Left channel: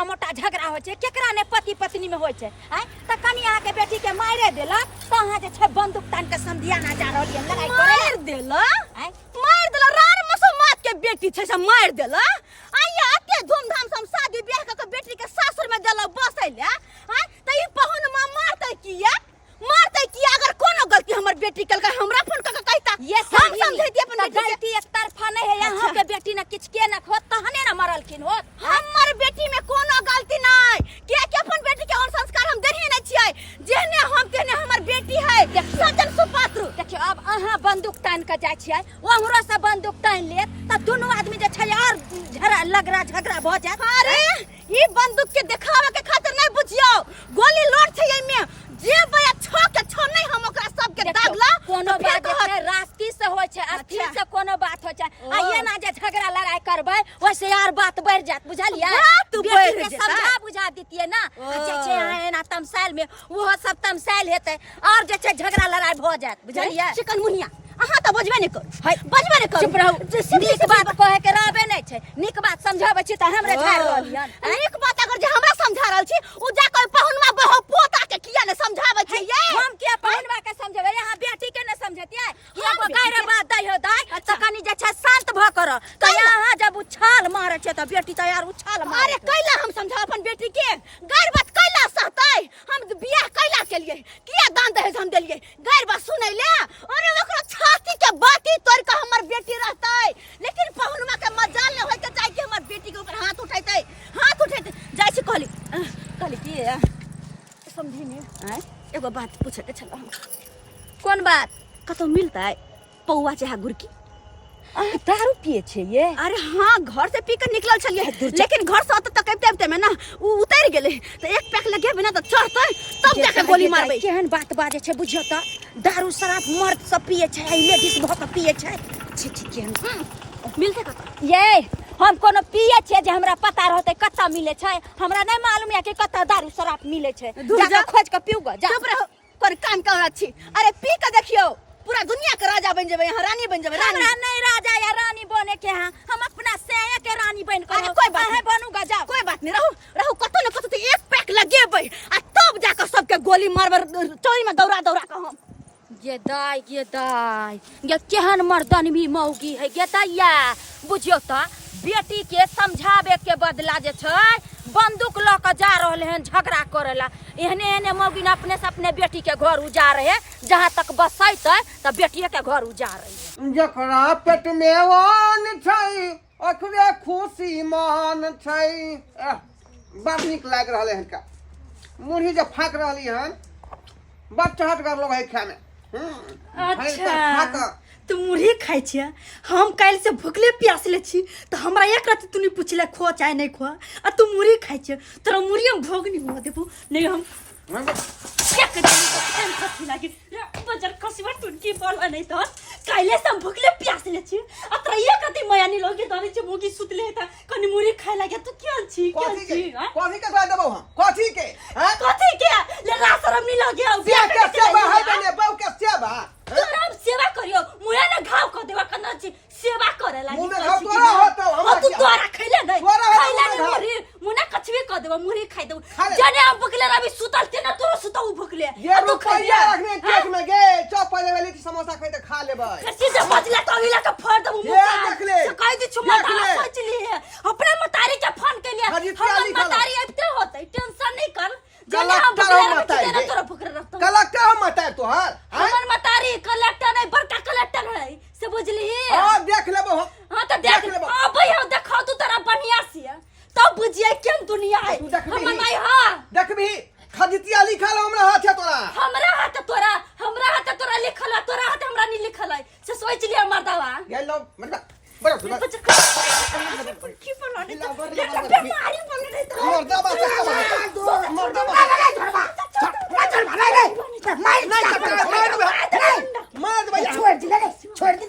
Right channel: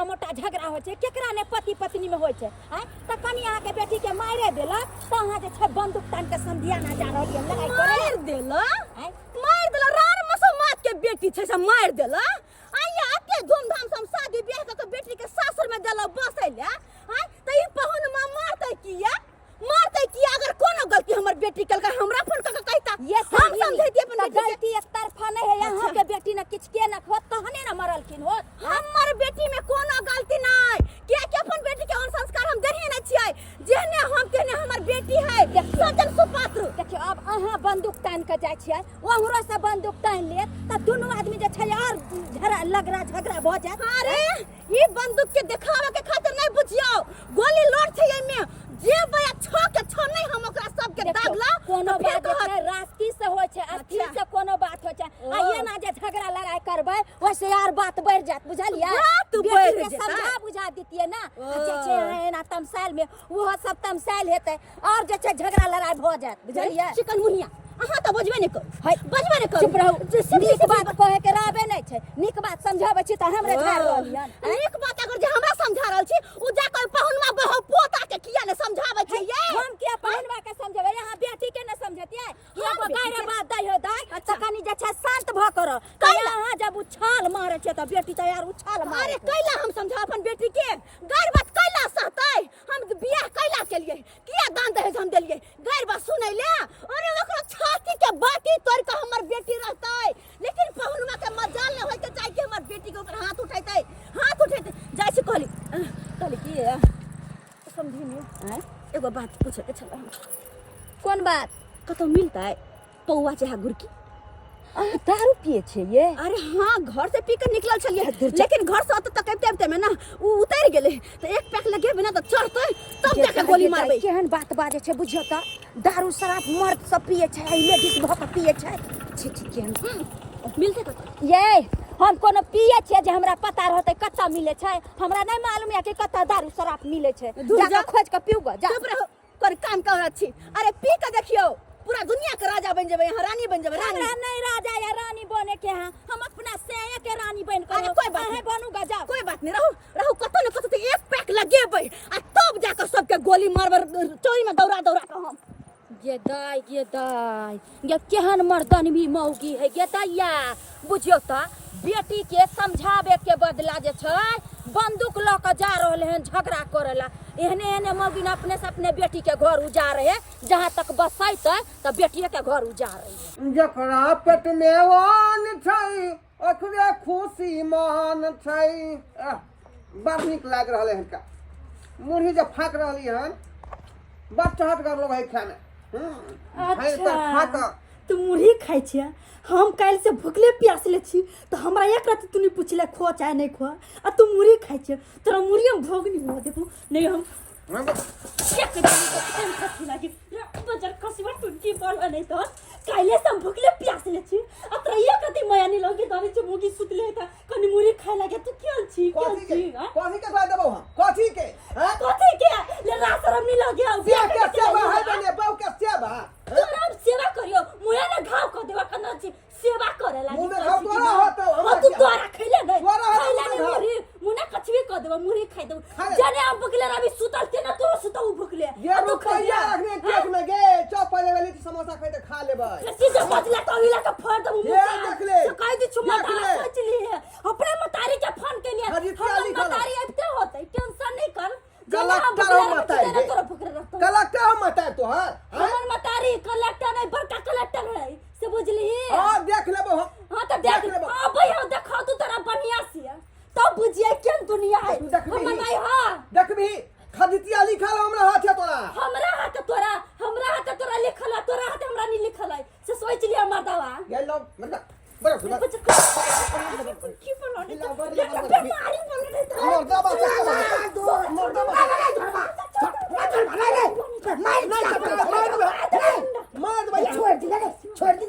छोटा मोटा झगड़ा हो छे केकरा ने पति पत्नी में होय छे आय त कनी अहाँ के बेटी के मारे देला त अहाँ जे छे बंदूक तान के समधियाना जा रहल ये लड़ाई करे मार देला रार मसमात के बेटी छे से मार देला आइया एते धूमधाम से हम शादी ब्याह के बेटी के सासुर में देला बसैले आय त ई पहुन मां मारतै किया अगर कोनो गलती हमर बेटी कल का हमरा फोन क कहता ये हम समझैती अपन गलती एक तरफा नहीं है यहाँ के बेटी ने किछ के न होत तहने न मरलखिन होत हमर बेटी में कोनो गलती नहीं के अपन बेटी के और संस्कार हम देही नहीं छियै जेहने हम तेने हमर बेटी है सजन सुपात्र देखियो अब अहाँ बंदूक तान के जाय छियै ओहरो से बंदूक तान लेत त दोनों आदमी जे छै और झगड़ा भ जात अरे ई बंदूक के दिखावे के खातिर नहीं बुझियो गोली लोड छै एमे जे बया छो नहीं हम ओकरा सब के दागला कोनो बात छै रास्ती से होय छै अथी से कोनो बात होय छै आ ये ना जे झगड़ा लड़ाई करबै वैसे यार बात बढ़ जात बुझलियै तू बढ़ जेता समझा बुझा दितिए ना जे छै एना तमसाइल में वो सब तमसाइल हेतै और जे छै झगड़ा लड़ाई भ जात बुझलियै चिकन मुनिया अहाँ त बजबे नहीं कर चुप रहू नीक बात कहे के रहबे नहीं छै नीक बात समझाबै छी त हमरे झाड़ रहलियन नीक बात अगर जे हमरा समझा रहल छी उ जा के पहुनमा बहो पोता के किया ने समझाबै छी ये हम के पहुनवा के समझाबै यहाँ बेटी के न समझतियै हम कारे बात दै हो दै त कनी जे छै शांत भ कर त यहाँ जब उछाल मारे छै त बेटी त यार उछाल मारे अरे कैला हम समझा अपन बेटी के गैर बात कैला सहतै हम बियाह कैला के लिए किया दान दहेज हम देलिए गैर बात सुनै ले अरे ओकरा छाती के बाती तोड़ के हमर बेटी रहतै लेकिन पहुनमा के मजाल न होय के चाहि कि हमर बेटी के ऊपर हाथ उठैतै जाय छी कहली की समझी नहीं एगो बात पूछे के छला कोन बात कतो मिलतै पौवा चाहे गुरकी दारू पिए छै ये अरे हाँ घर से पी कर निकलल छलिए लेकिन घर से त कहते में ना उ उतर गेले तो एक पैक लगे बिना तो चढ़तै तब जाके गोली मारबै केहन बात बाजे छै बुझियो त दारू शराब मर्द सब पिए छै लेडीज बहुत पिए छै छी केहन मिलते कतो ये हम कोनो पिए छै जे हमरा पता रहतै कत्ता मिले छै हमरा नहीं मालूम है कि कत्ता दारू शराब मिले छै जाके खोज के पीऊ ग जा चुप रहो कर काम कर छी अरे पी के देखियो पूरा दुनिया के राजा बन जेबै यहाँ रानी बन जेबै रानी हमरा नहीं राजा या रानी बने के हैं हम अपना सेया के रानी बन कर कोई बात नहीं बनूंगा जा कोई बात नहीं रहू कतो न कतो तो एक पैक लगेबै आ तब जाके सबके गोली मारबर चोरी में दौड़ा के हम ये दाई ये केहन मर्दन भी मौगी है ये दैया बुझियो त बेटी के समझावे के बदला जे छै बंदूक ल के जा रहले हैं झगड़ा करेला एहने मौगी ने अपने से अपने बेटी के घर उजाड़ है जहां तक बसैतै त बेटिए के घर उजाड़ है जकरा पेट में वान छै ओकरे खुशी मान छै बड़ नीक लाग रहले हन का मुरही जे फाक रहली हन बड़ चहट कर लो भाई खाने अच्छा तू मुरही खाई छिया हम काल से भूखले प्यासले छी तो हमरा एक रात तूने पूछले खो चाहे नहीं खो आ तू मुरही खाई छिया तोरा मुरही हम भोग नहीं हो देबो नहीं हम एक दिन तो खान खसी लागे बजर खसीवा टुनकी बोलवा नहीं तो काले से हम भूखले प्यासले छी आ तोरा एक रात माया नहीं लगे दानी छ मोगी सुतले था कनी मुरही खाए लागे तू क्या छी कथी के खा देबो हम कथी के ले रासरम नहीं लगे बियाह के सेवा है बने बहु के सेवा तोरा सेवा करियो मुया ना घाव क देवा कना छी सेवा करे लागी मुने घाव तोरा होतो हम तू तोरा खैले नहीं खैले नहीं मुरी मुना कछवे क देवा मुरी खाइ देबो जाने हम भुखले रवि सुतल ते ना तोरो सुतौ भुखले ये रुपया रखने केक में गे चौ पहले वाली समोसा खाइ त खा लेबै कैसे जब बचला तो हिला के फर देबो ये देख ले कह दी छु मता सोच लिए अपने मतारी के फोन के लिए हम मतारी अबते होतै टेंशन नहीं कर कलेक्टर हम मतार तोहर हमर मतारी कलेक्टर नहीं बड़का कलेक्टर है से बुझली हां देख लेबो हां त देख लेबो हां भैया देखा तू तोरा बढ़िया से तब बुझिए केन दुनिया है हमर भाई हां देखबी खदितिया लिखल हमरा हाथ है तोरा हमरा हाथ तोरा लिखल है तोरा हाथ हमरा नहीं लिखल है से सोच लिया मर्दावा ये लो मतलब बड़ा सुना की बोलो नहीं मारी बोल रहे तो मर्दावा छोड़ दे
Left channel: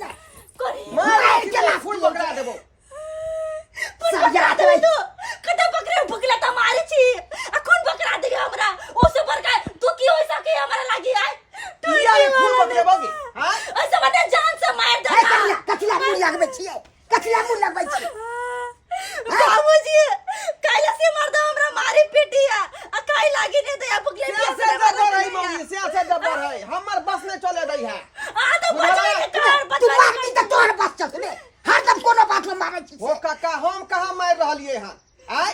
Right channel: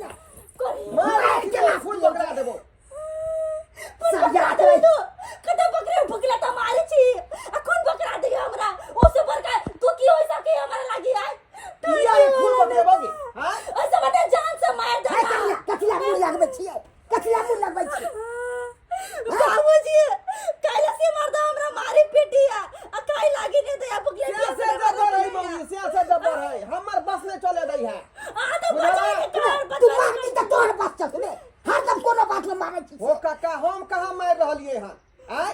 मार के फूल बकरा देबो सब याद है कदा बकरा भुकला त मारे छी अखन बकरा देगे हमरा ओसे बड़का तू की होई सके हमरा लागी आय किया ये फूल बकरे बोगी हां ऐसे बता जान से मार दे कथिला मुंह लगबै छी बाबूजी काला से मर्द हमरा चल रे हरदम कोनो बात में मारै छी ओ काका हम कहाँ मार रहलिए हन आय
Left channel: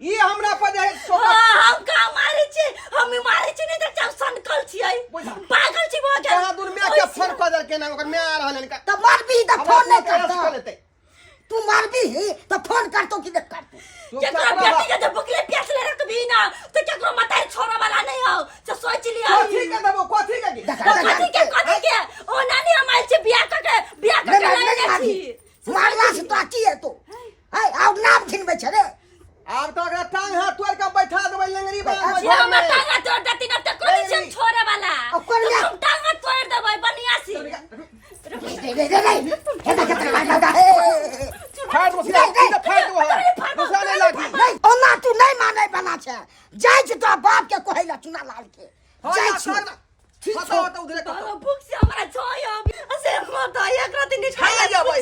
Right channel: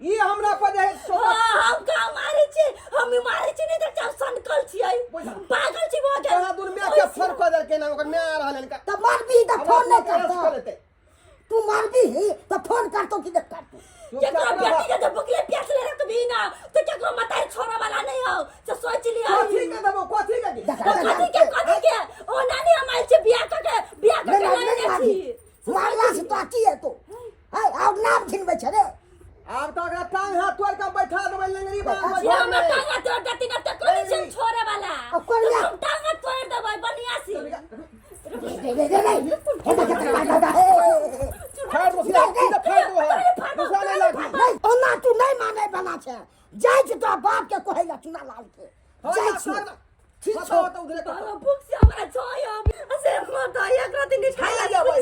ई हमरा पर जे सोका हम का मारै छी हम मारै छी नहीं त सनकल छियै पागल छी भऽ गेल कहाँ दूर में के फोन क देल के ना ओकर मैं आ रहलन का त मारबी त फोन नहीं करता लेते तू मारबी त फोन करतो कि नहीं करतो केकरा बेटी के जब भुखले प्यास ले रखबी ना तो केकरो मताई छोरा वाला नहीं हो जो सोच लिया कथी के देबो कथी के कथी के ओ नानी हम आइल छी बियाह के नहीं छी मारला से तो की है तो है आउ नाम घिनबै छ रे आब तो अगर टांग हाथ तोड़ के बैठा देबै लंगरी बांध ये हम टांगा तोड़ देती ना त कोनी छी छोरे वाला हम टांगा तोड़ देबै बनियासी हेदा के दरवाजा है फाड़ दो सीधा फाड़ दो दूसरा नहीं लागी ओना तू नहीं माने बना छे जाय छ तो बाप के कहैला चुना लाल के जाय छ ठीक बताओ छौ तो उधर का भूख से हमरा छोय असे मत एक रात नहीं खाया जाबै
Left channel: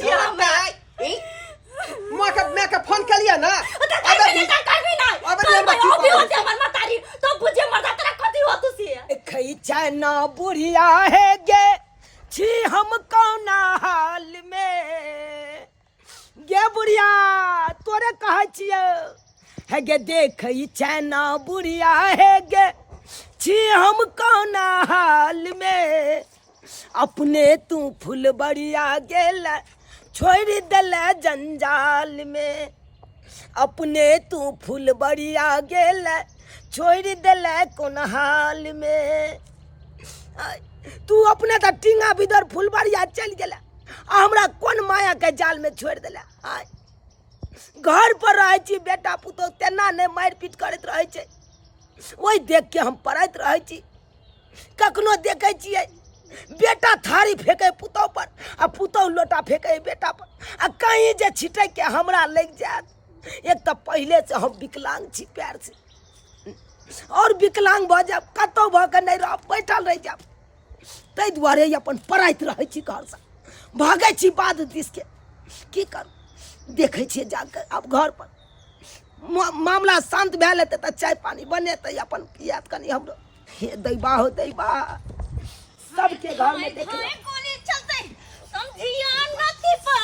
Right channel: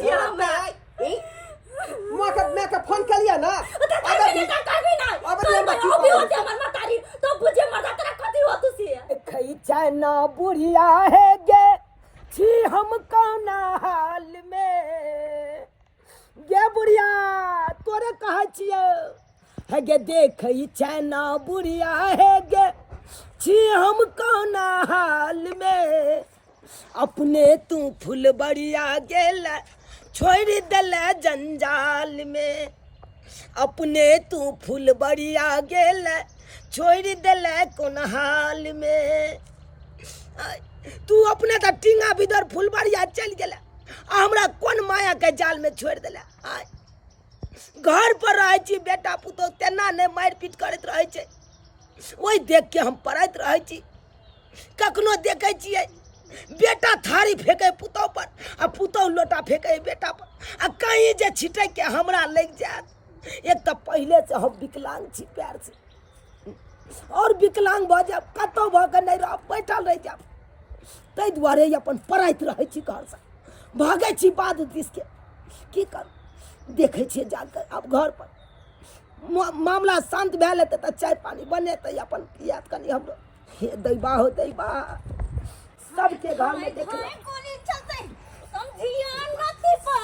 मैं के फोन कर लिया ना ना बुढ़िया है गे छी हम कौना हाल में गे बुढ़िया तोरे कहे छिए है गे देख ना बुढ़िया है गे छी हम कौना हाल में अपने तू फुलबड़िया गेल छोड़ दल जंजाल में अपने तू फुलबड़िया गेल छोड़ दल कोन हाल में तू अपने तो टिंगा बिदर फुलबड़िया चल गेला हमरा कौन माया के जाल में छोड़ दिला घर पर रहे छी बेटा पुतो तेना नहीं मार पीट करत रहे छै वही देख के हम पढ़त रहे छी कखनो देखे छियै बेटा थारी फेंके पुतौ पर आ पुतौ लोटा फेंके बेटा पर आ कहीं जे छिटे के हमरा लग जात एक तो पहले से हम विकलांग छी पैर से और विकलांग भ जाब कतौ भ के नहीं रह बैठल रह जाब तै दुआरे अपन पढ़ाइत रहे छी घर से भागे छी बाद दिस के की कर देखे छी जाकर अब घर पर मामला शांत भए लेते त चाय पानी बनेते अपन पियात कनी हमरो हे दैबा हो दैबा सबके घर में देख गोली चलते समझिया नती पा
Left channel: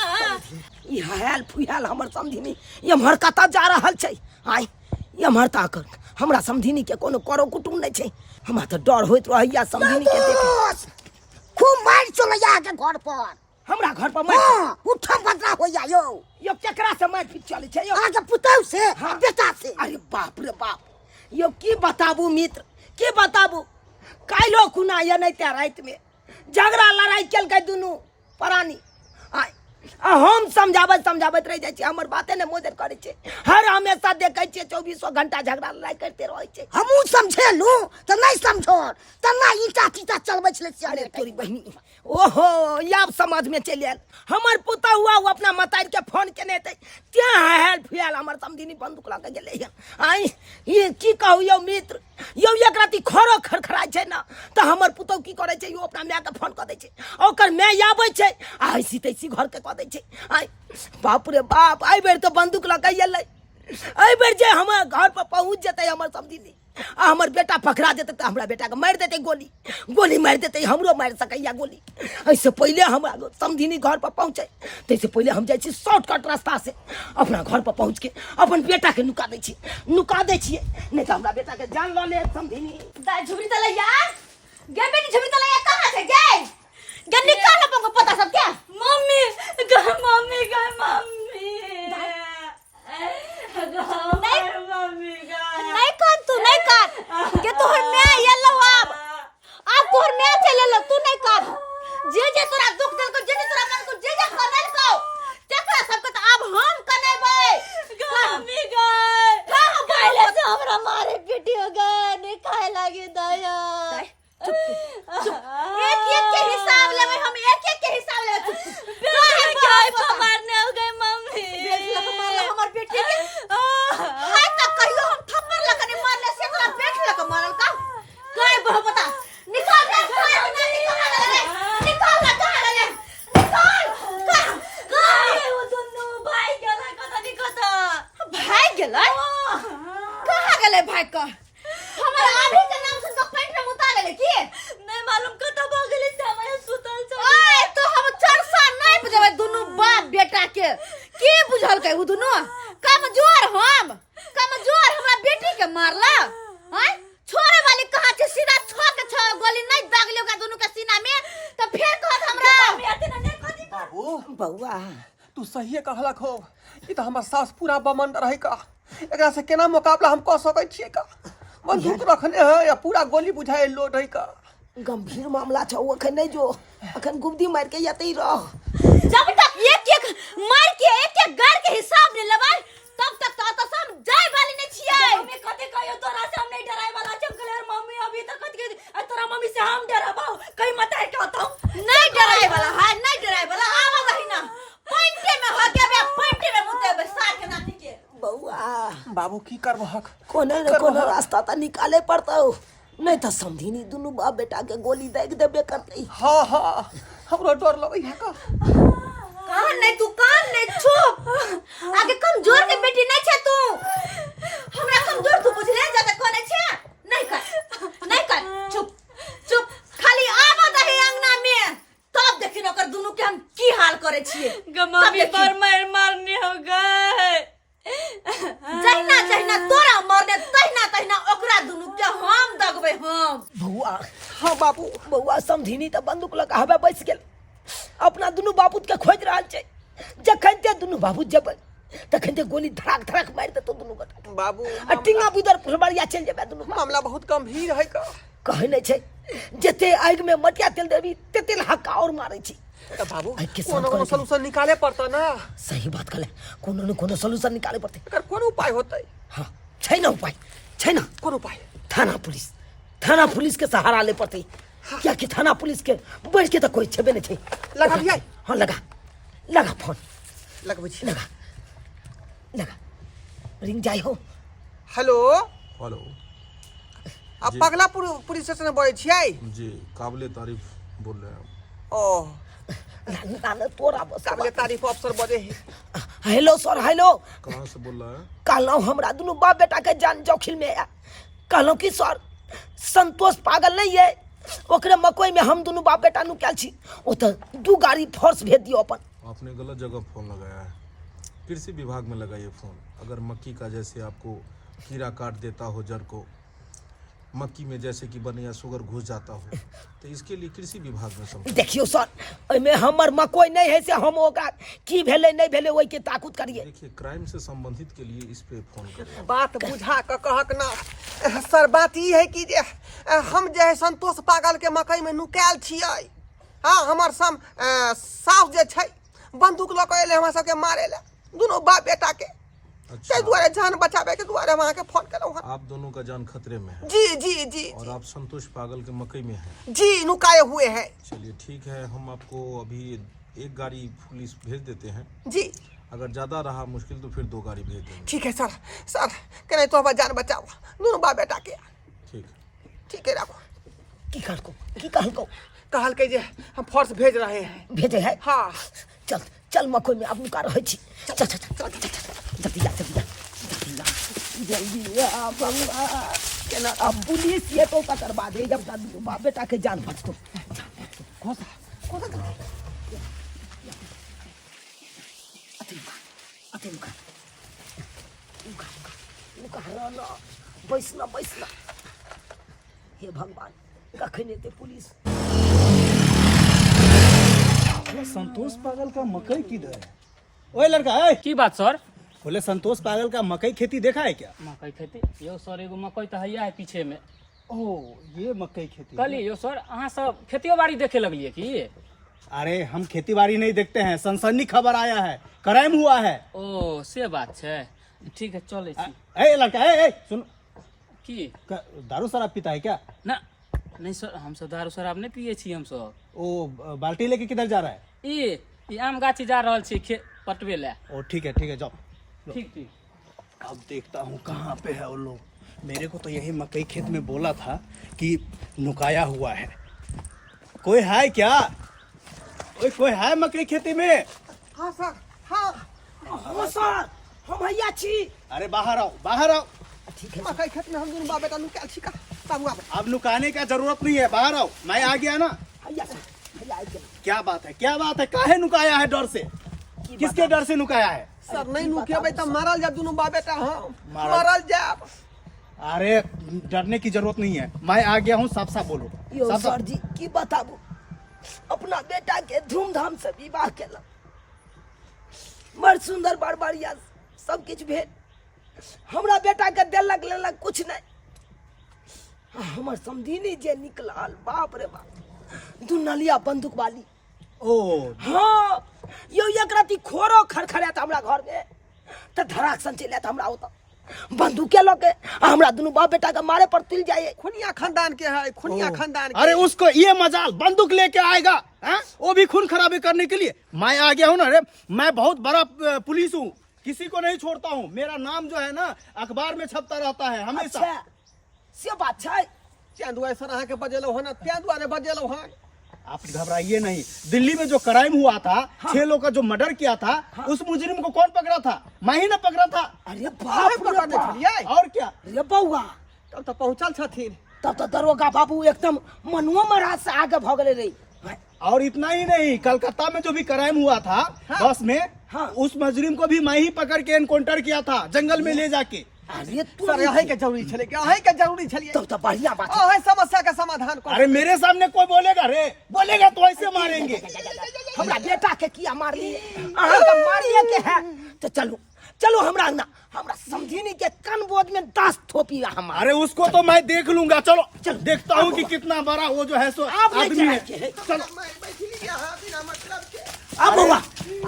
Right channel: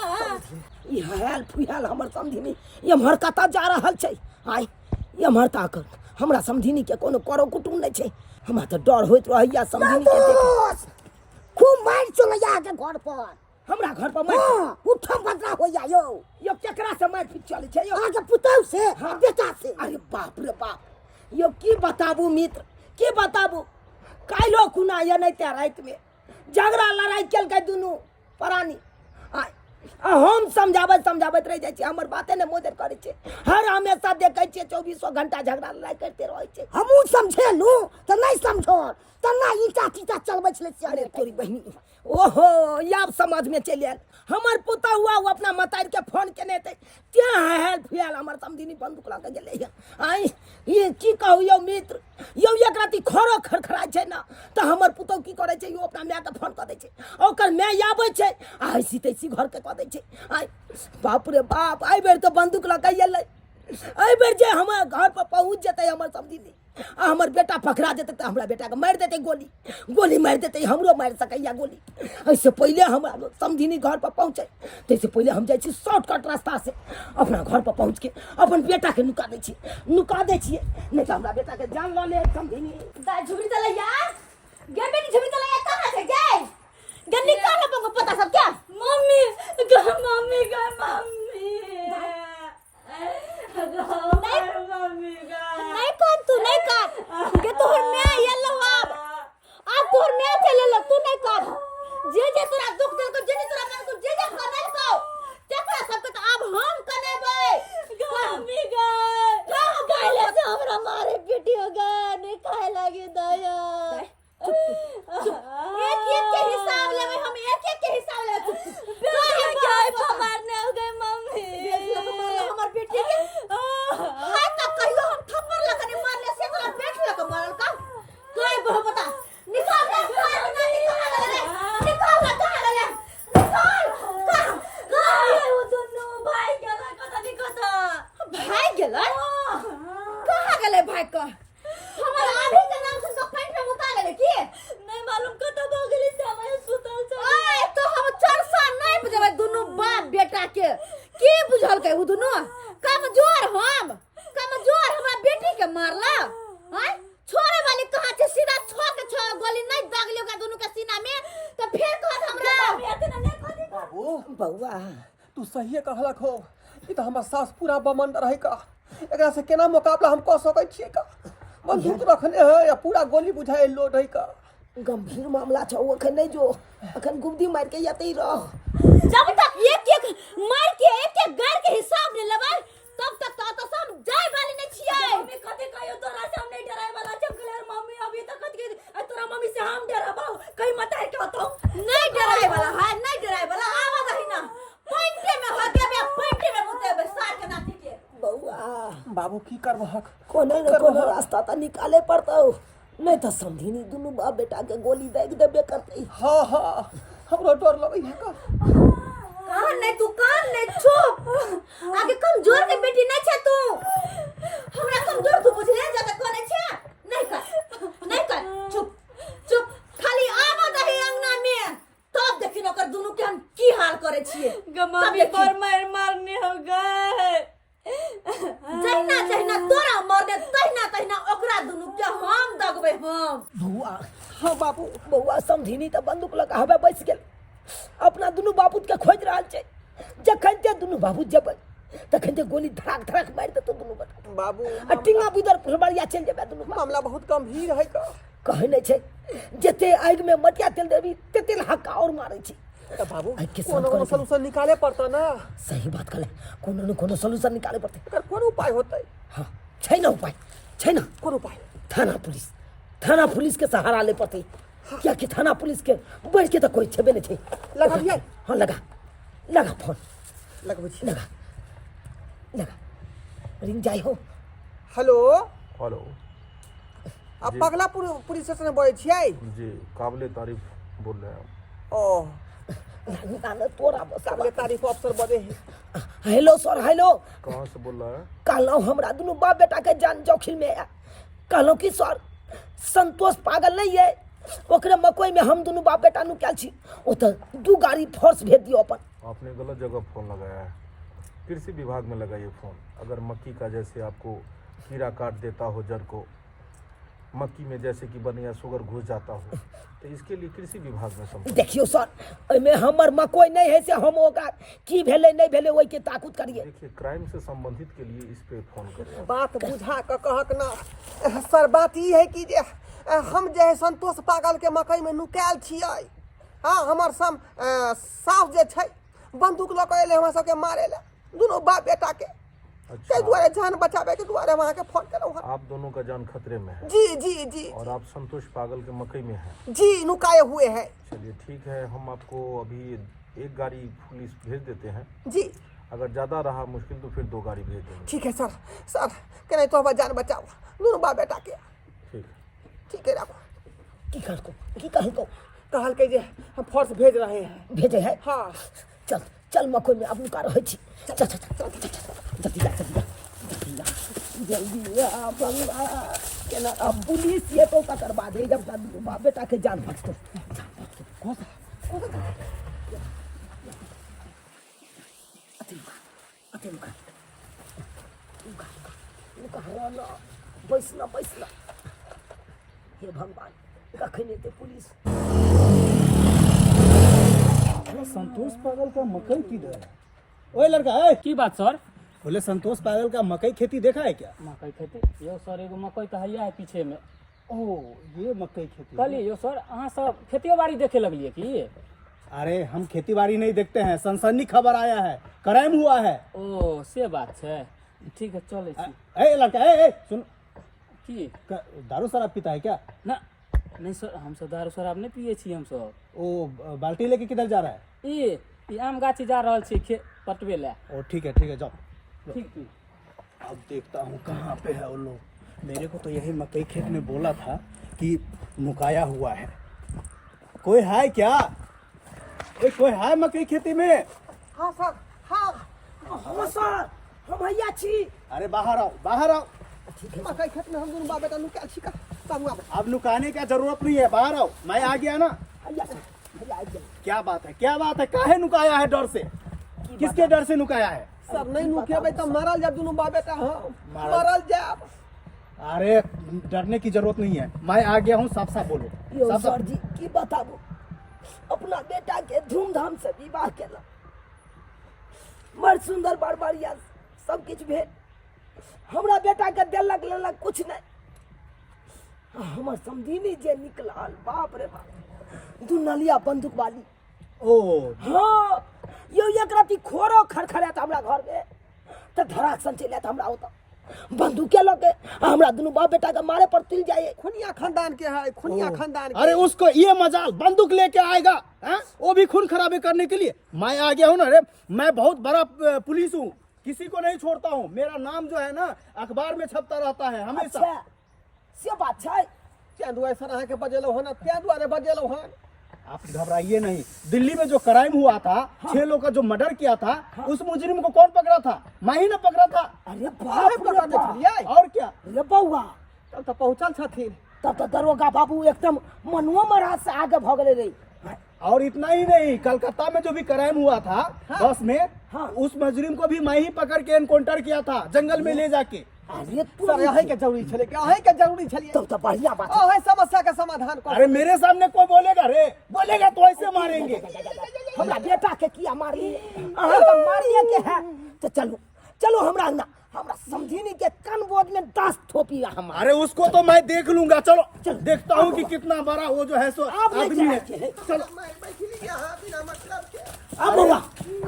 ई हाल फुहाल हमर समझिनी एम्हर कता जा रहल छै आइ एम्हर ताकर हमरा समझिनी के कोनो करो कुटुम नहीं छै हमरा तो डर होइत रहैया समझिनी के देखे खूब मार चलैया के घर पर हमरा घर पर मार उठम बदला होइया यो केकरा से मार पीट चले छै यो आगे पुतौ से बेटा से अरे बाप रे बाप यो की बताबू मित्र की बताबू काइलो खुना या नहीं त्या रात में झगड़ा लड़ाई चल गए दुनू प्राणी हम समझावत रह जाए हमर बाते ने मोदर करे छे हर हमेशा देखे छे 24 घंटा झगड़ा लड़ाई करते रहे छे हमू समझेलू त नहीं समझो तना ईटा टीटा चलबै छले अरे तोरी बहनी ओहो याब समझ में चल आयल हमर पुता हुआ वो अपना मतार के फोन केने ते त्या हेल फुयाल हमर समझिनी बंदूक लगा गेले आई ये की कहू यो मित्र यो एक राती खरो खरखराय छै ना त हमर पुतो की करे छै यो अपना माय के फोन क दै छै ओकर माय आबै छै आइसी तैसी घर के क दै छै आई बाप रे बाप आई बेर तो बंदूक लगा गेलै आई बेर जे हमर घर पर पहुंच जेतै हमर समझिनी आ हमर बेटा पकड़ा जेतै त हमरा बेटा के मार देतै गोली मार देतै हमरो मार सकैया गोली ऐसे पहले हमरा समझिनी घर पर पहुंचे तैसे पहले हम जाइ छी शॉर्टकट रास्ता से अपना घर पर पहुंच के अपन बेटा के नुका दै छियै नहीं त हमरा बेटा के जान ल ले समझिनी दाई झुमरी तलैया गे बेटी झुमरी तलैया कहां से गे गे निकाल अपन को पता सब क्या मम्मी मम्मी नहीं कान तू नहीं कान गे तोहर मैं येलो अब तोहर मैं चले लो तू नहीं कान जे तोरा दुख दिल को जे तोरा मन को जे कनल को तेकरा सब के अब हम कनेबै मम्मी गाय से हमरा मारे पीटी हो गए नहीं खाए लगे दया एक के हिसाब लेबै हम एक के हिसाब लेबै गाय मारने हो गए मम्मी हमर बेटी के हाय तक कहियो हम थप्पड़ लगने मारले से तोरा बेटी लग मारल का काय बहु बता निकाल दे निकाल वो दोनों भाई गेला कता निकता भाई गेलै कहां गेलै भाई का हमर आभी के नाम से तो पेट में मुता गेलै की नहीं मालूम कता भ गेलै से हम सुतल छ ओए तो हम चरसा नहीं बजेबै दुनु के की बुझल के दुनू कमजोर हमरा बेटी के मारला हैं छोरे वाली कहां छे सीधा छ गोली नहीं दागले ओकरा दुनू के सीना में तो फिर कहत हमरा बाबू बउआ तू सही कहलक हो। ई तो हमर सास पूरा बमंड रहे का, एकरा से केना मुकाबला हम कऽ सकै छियै का? बंदूक रखने है या पूरा गोली बुझाए लोड है का? गंभीर मामला छौ अखन नहीं जो, अखन गुब्दी मार के यतई रह। जब तक एक मार के एक गार के हिसाब नहीं लेबै तब तक तो सब जाय वाली नहीं छियै। मम्मी कथि कहियो तोरा से हम नहीं डराए वाला छै क्लियर मम्मी अभी तक कथि तोरा मम्मी से हम डराबो कहीं मत है कहतो नहीं डराए वाला है नहीं डराए वाला आवा रही ना पॉइंटे में हो के बे पॉइंटे में मुते बे सार के नाती के बउआ बाबू की करबहक? कोने न कोने रास्ता त निकाले पड़तौ, नहीं तो समझी दुनू बाप बेटा के गोली देख देबे करतै। हाँ हाँ हमरो डर लगै है का। कान नहीं चुप आगे कमजोर के बेटी नहीं छे तू हमरा कमजोर तू बुझले ज्यादा कोने छे नहीं कर चुप खाली आवा दही अंगना में तब देखिन ओकर दुनू के हम की हाल करे छिए। मम्मी पर मारने हो गए जहिना तोरा मरने तहिना ओकरा दुनू के हम दगबे हम। बउआ हाँ बाबू बउआ समझी त बंदूक लगा हवे बैस गेल, अपना दुनू बापूत के खोज रहल छै। जखन ते दुनू बापूत जेबै तखन ते गोली धड़ाक मार देतो दुनू गोटा। बाबू टिंगा बुदर फुलबरिया चल जेबै दुनू बाप। मामला बहुत गंभीर है का। कहै नहीं छै जते आग में मटिया तेल देबी तेते हक्का और मारै छी। तो बाबू आइ के कोनो साथ सलूशन निकाले पड़ता ना। सही बात कहले, कोनो न कोनो सॉल्यूशन निकाले पड़ते। एकर कोन उपाय होतै? हाँ छै ना उपाय, छै ना कोन उपाय? थाना पुलिस के सहारा ले पड़ते। क्या कि थाना पुलिस के बढ़ के तो कोई छेबे नहीं छै। लगा दिया? हाँ लगा फोन लगबै छी। लगा रिंग जाय हो। हेलो हेलो आप पगला पुलिस स्टेशन बोले छियै? जी काबिले तारीफ बोल रहे हैं ओह ना तोरा बस काबिले तारीफ अफसर बोले है। हेलो सर हेलो कहाँ से बोल रहा है? कहलौं हमरा दुनू बाप बेटा के जान जोखिम में है। कहलौं कि सर संतोष पागल नहीं है, ओकरे मकई में हम दुनू बाप बेटा नुकाल छी, ओ तो 2 गाड़ी फोर्स भेज दियो अपन। आपने गलत जगह फ़ोन लगाया है, कृषि विभाग में लगाइए फ़ोन। अगर मक्की का जैसे आपको कीड़ा काट देता हो जड़ को, मक्की में जैसे कि बनिया शुगर घुस जाता हो, तो इसके लिए कृषि विभाग में समझ। देखियो सर एमे हमर मकई नहीं है से हम ओकरा की भेले नहीं भेले ओई के ताकुत करिए। देखिए क्राइम से संबंधित के लिए इस पे फ़ोन करें। बात बुझा के कहक ना सर। बात ई है कि जे हम जे है संतोष पागल के मकई में नुकायल छियै। हाँ हमर साफ जे छै बंदूक लऽ के एले हमरा सबके मारे ले दुनू बाप बेटा के। अच्छा दुआरे जान बचावे के दुआरे वहाँ के फोन करो। आप दोनों का जान खतरे में है? जी और आप संतोष पागल के मकई में हैं? जी नुकाए हुए हैं। चलिए ठीक है, हम आपको अभी 1 गाड़ी पुलिस भेज देते हैं। जी अगर ज़्यादा रहा मुश्किल तो फिर 2 गाड़ी भेज देंगे। ठीक है सर कहीं तो जान बचाओ दोनों बाप बेटा के। ठीक है रखो। की कहलको कहल के जे हम फोर्स भेज रहे हैं। भेजे है? हाँ चल मकई में अब नुका रहे छी। चल जल्दी आ बंगा केना अब पुलिस ये तो करवा दे जब दुनू बाप बेटा के जान बचतो। बैसना हे भगवान कखन एते पुलिस। संतोष पागल का मकई किधर है? ओए लड़का है की बात सर? बोले संतोष पागल का मकई खेती देखा है क्या? मकई खेती यो सर एगो मकई तो हैया है पीछे में। ओ ये मकई खेती कहलिए यो सर अहाँ सब खेतियो बाड़ी देखे लगलिए की? अरे हम खेती बाड़ी नहीं देखते हैं, सनसनी खबर आया है, क्राइम हुआ है। ओ से बात है, ठीक है चले छी। ए लड़का ए सुन, की दारू शराब पीता है क्या? ना नहीं सर हम सब दारू शराब नहीं पिए छी। हम सब ओ बाल्टी लेके किधर जा रहा है? ई आम गाछी जा रहल छी पटवे ले। ओ ठीक है जाओ। ठीक अब देखता हूँ कहाँ पे है वो लोग। मेरे को तो यही मकई खेत में बोला था कि नुकाया हुआ है। कोई है क्या? कोई है मकई खेती में? हाँ सर हाँ सर हम भैया छी। अरे बाहर आओ। ठीक है मकई खेत में हम दोनों बाप बेटा नुकायल छी का। बाबू अब नुकाने का जरूरत नहीं है, बाहर आओ। मैं आ गया ना। भैया आ गया। क्या बात है काहे नुकाया है डर से? कि किसके डर से नुकाया है? सर नहीं नुकेबै तो मारल जा दोनों बाप बेटा हम मारल? मारल जा। अरे डरने की जरूरत नहीं है, मैं आ गया हूँ, साफ साफ बोलो। यो साफ सर साफ जी की बताबू, अपना बेटा के धूमधाम से विवाह केला, बड़ सुंदर बड़ बढ़िया सब किछ भेल, हमरा बेटा के देलक लेलक कुछ नहीं। हमर समझिनी जे निकलल, बाप रे बाप, दुनलिया बंदूक वाली। ओ हाँ यो एक राती खोरो खड़खड़ात हमरा घर में, तो धड़ाक सन चले हमरा होता बंदूक के लगे, हमरा दोनों बाप बेटा के मारे पर तुल जाए। खुनिया खानदान के है, खुनिया खानदान के। अरे उसको ये मजाल बंदूक लेके आएगा, हैं? वो भी खून खराबे करने के लिए। मैं आ गया हूँ ना रे, मैं बहुत बड़ा पुलिस हूँ, किसी को नहीं छोड़ता हूँ। मेरा नाम जो है ना अखबार में छपता रहता है हमेशा। अच्छा से बात छै, चंदुआ सर अहाँ के बजेलो हो ना, त्या दुआरे बजेलो हन। आप घबराइए नहीं। दिल्ली में जो क्राइम हुआ था, 6 लोग का जो मर्डर किया था, उस मुजरिम को कौन पकड़ा था? मैं ही ना पकड़ा था। अरे अरे बाप रे पकड़ ले बाप, छलिए, और क्या? अरे बउआ, तब तो पहुंचल छथिन। तब तो दरोगा बाबू एकदम मनुआ महाराज से आगे भगले रही। और इतना ही नहीं, कलकत्ता में जो भी क्राइम हुआ था बस में, हाँ। उस मुजरिम को भी मैं ही पकड़ के एनकाउंटर किया था, जंगल में ले जाके। अरे तू सर यही के जरूरी छले, यही के जरूरी छलिए। तब तो बढ़िया बात है। ओहे समस्या का समाधान कर। अरे मेरे सामने कोई बोलेगा रे, बोलेगा तो ऐसे मारेंगे। हमरा बेटा के किया मारली, अहाँ के मारिए के है तो चलो चलो हमरा ना, हमरा समझिनी के कान बोध में 10 थोपी हम। अरे उसको तो मैं देख लूंगा, चलो देखता हूँ कि कितना बड़ा वो जो है सो आदमी है। चलो मैं बैठली यहाँ बिना मतलब के। अब बउआ,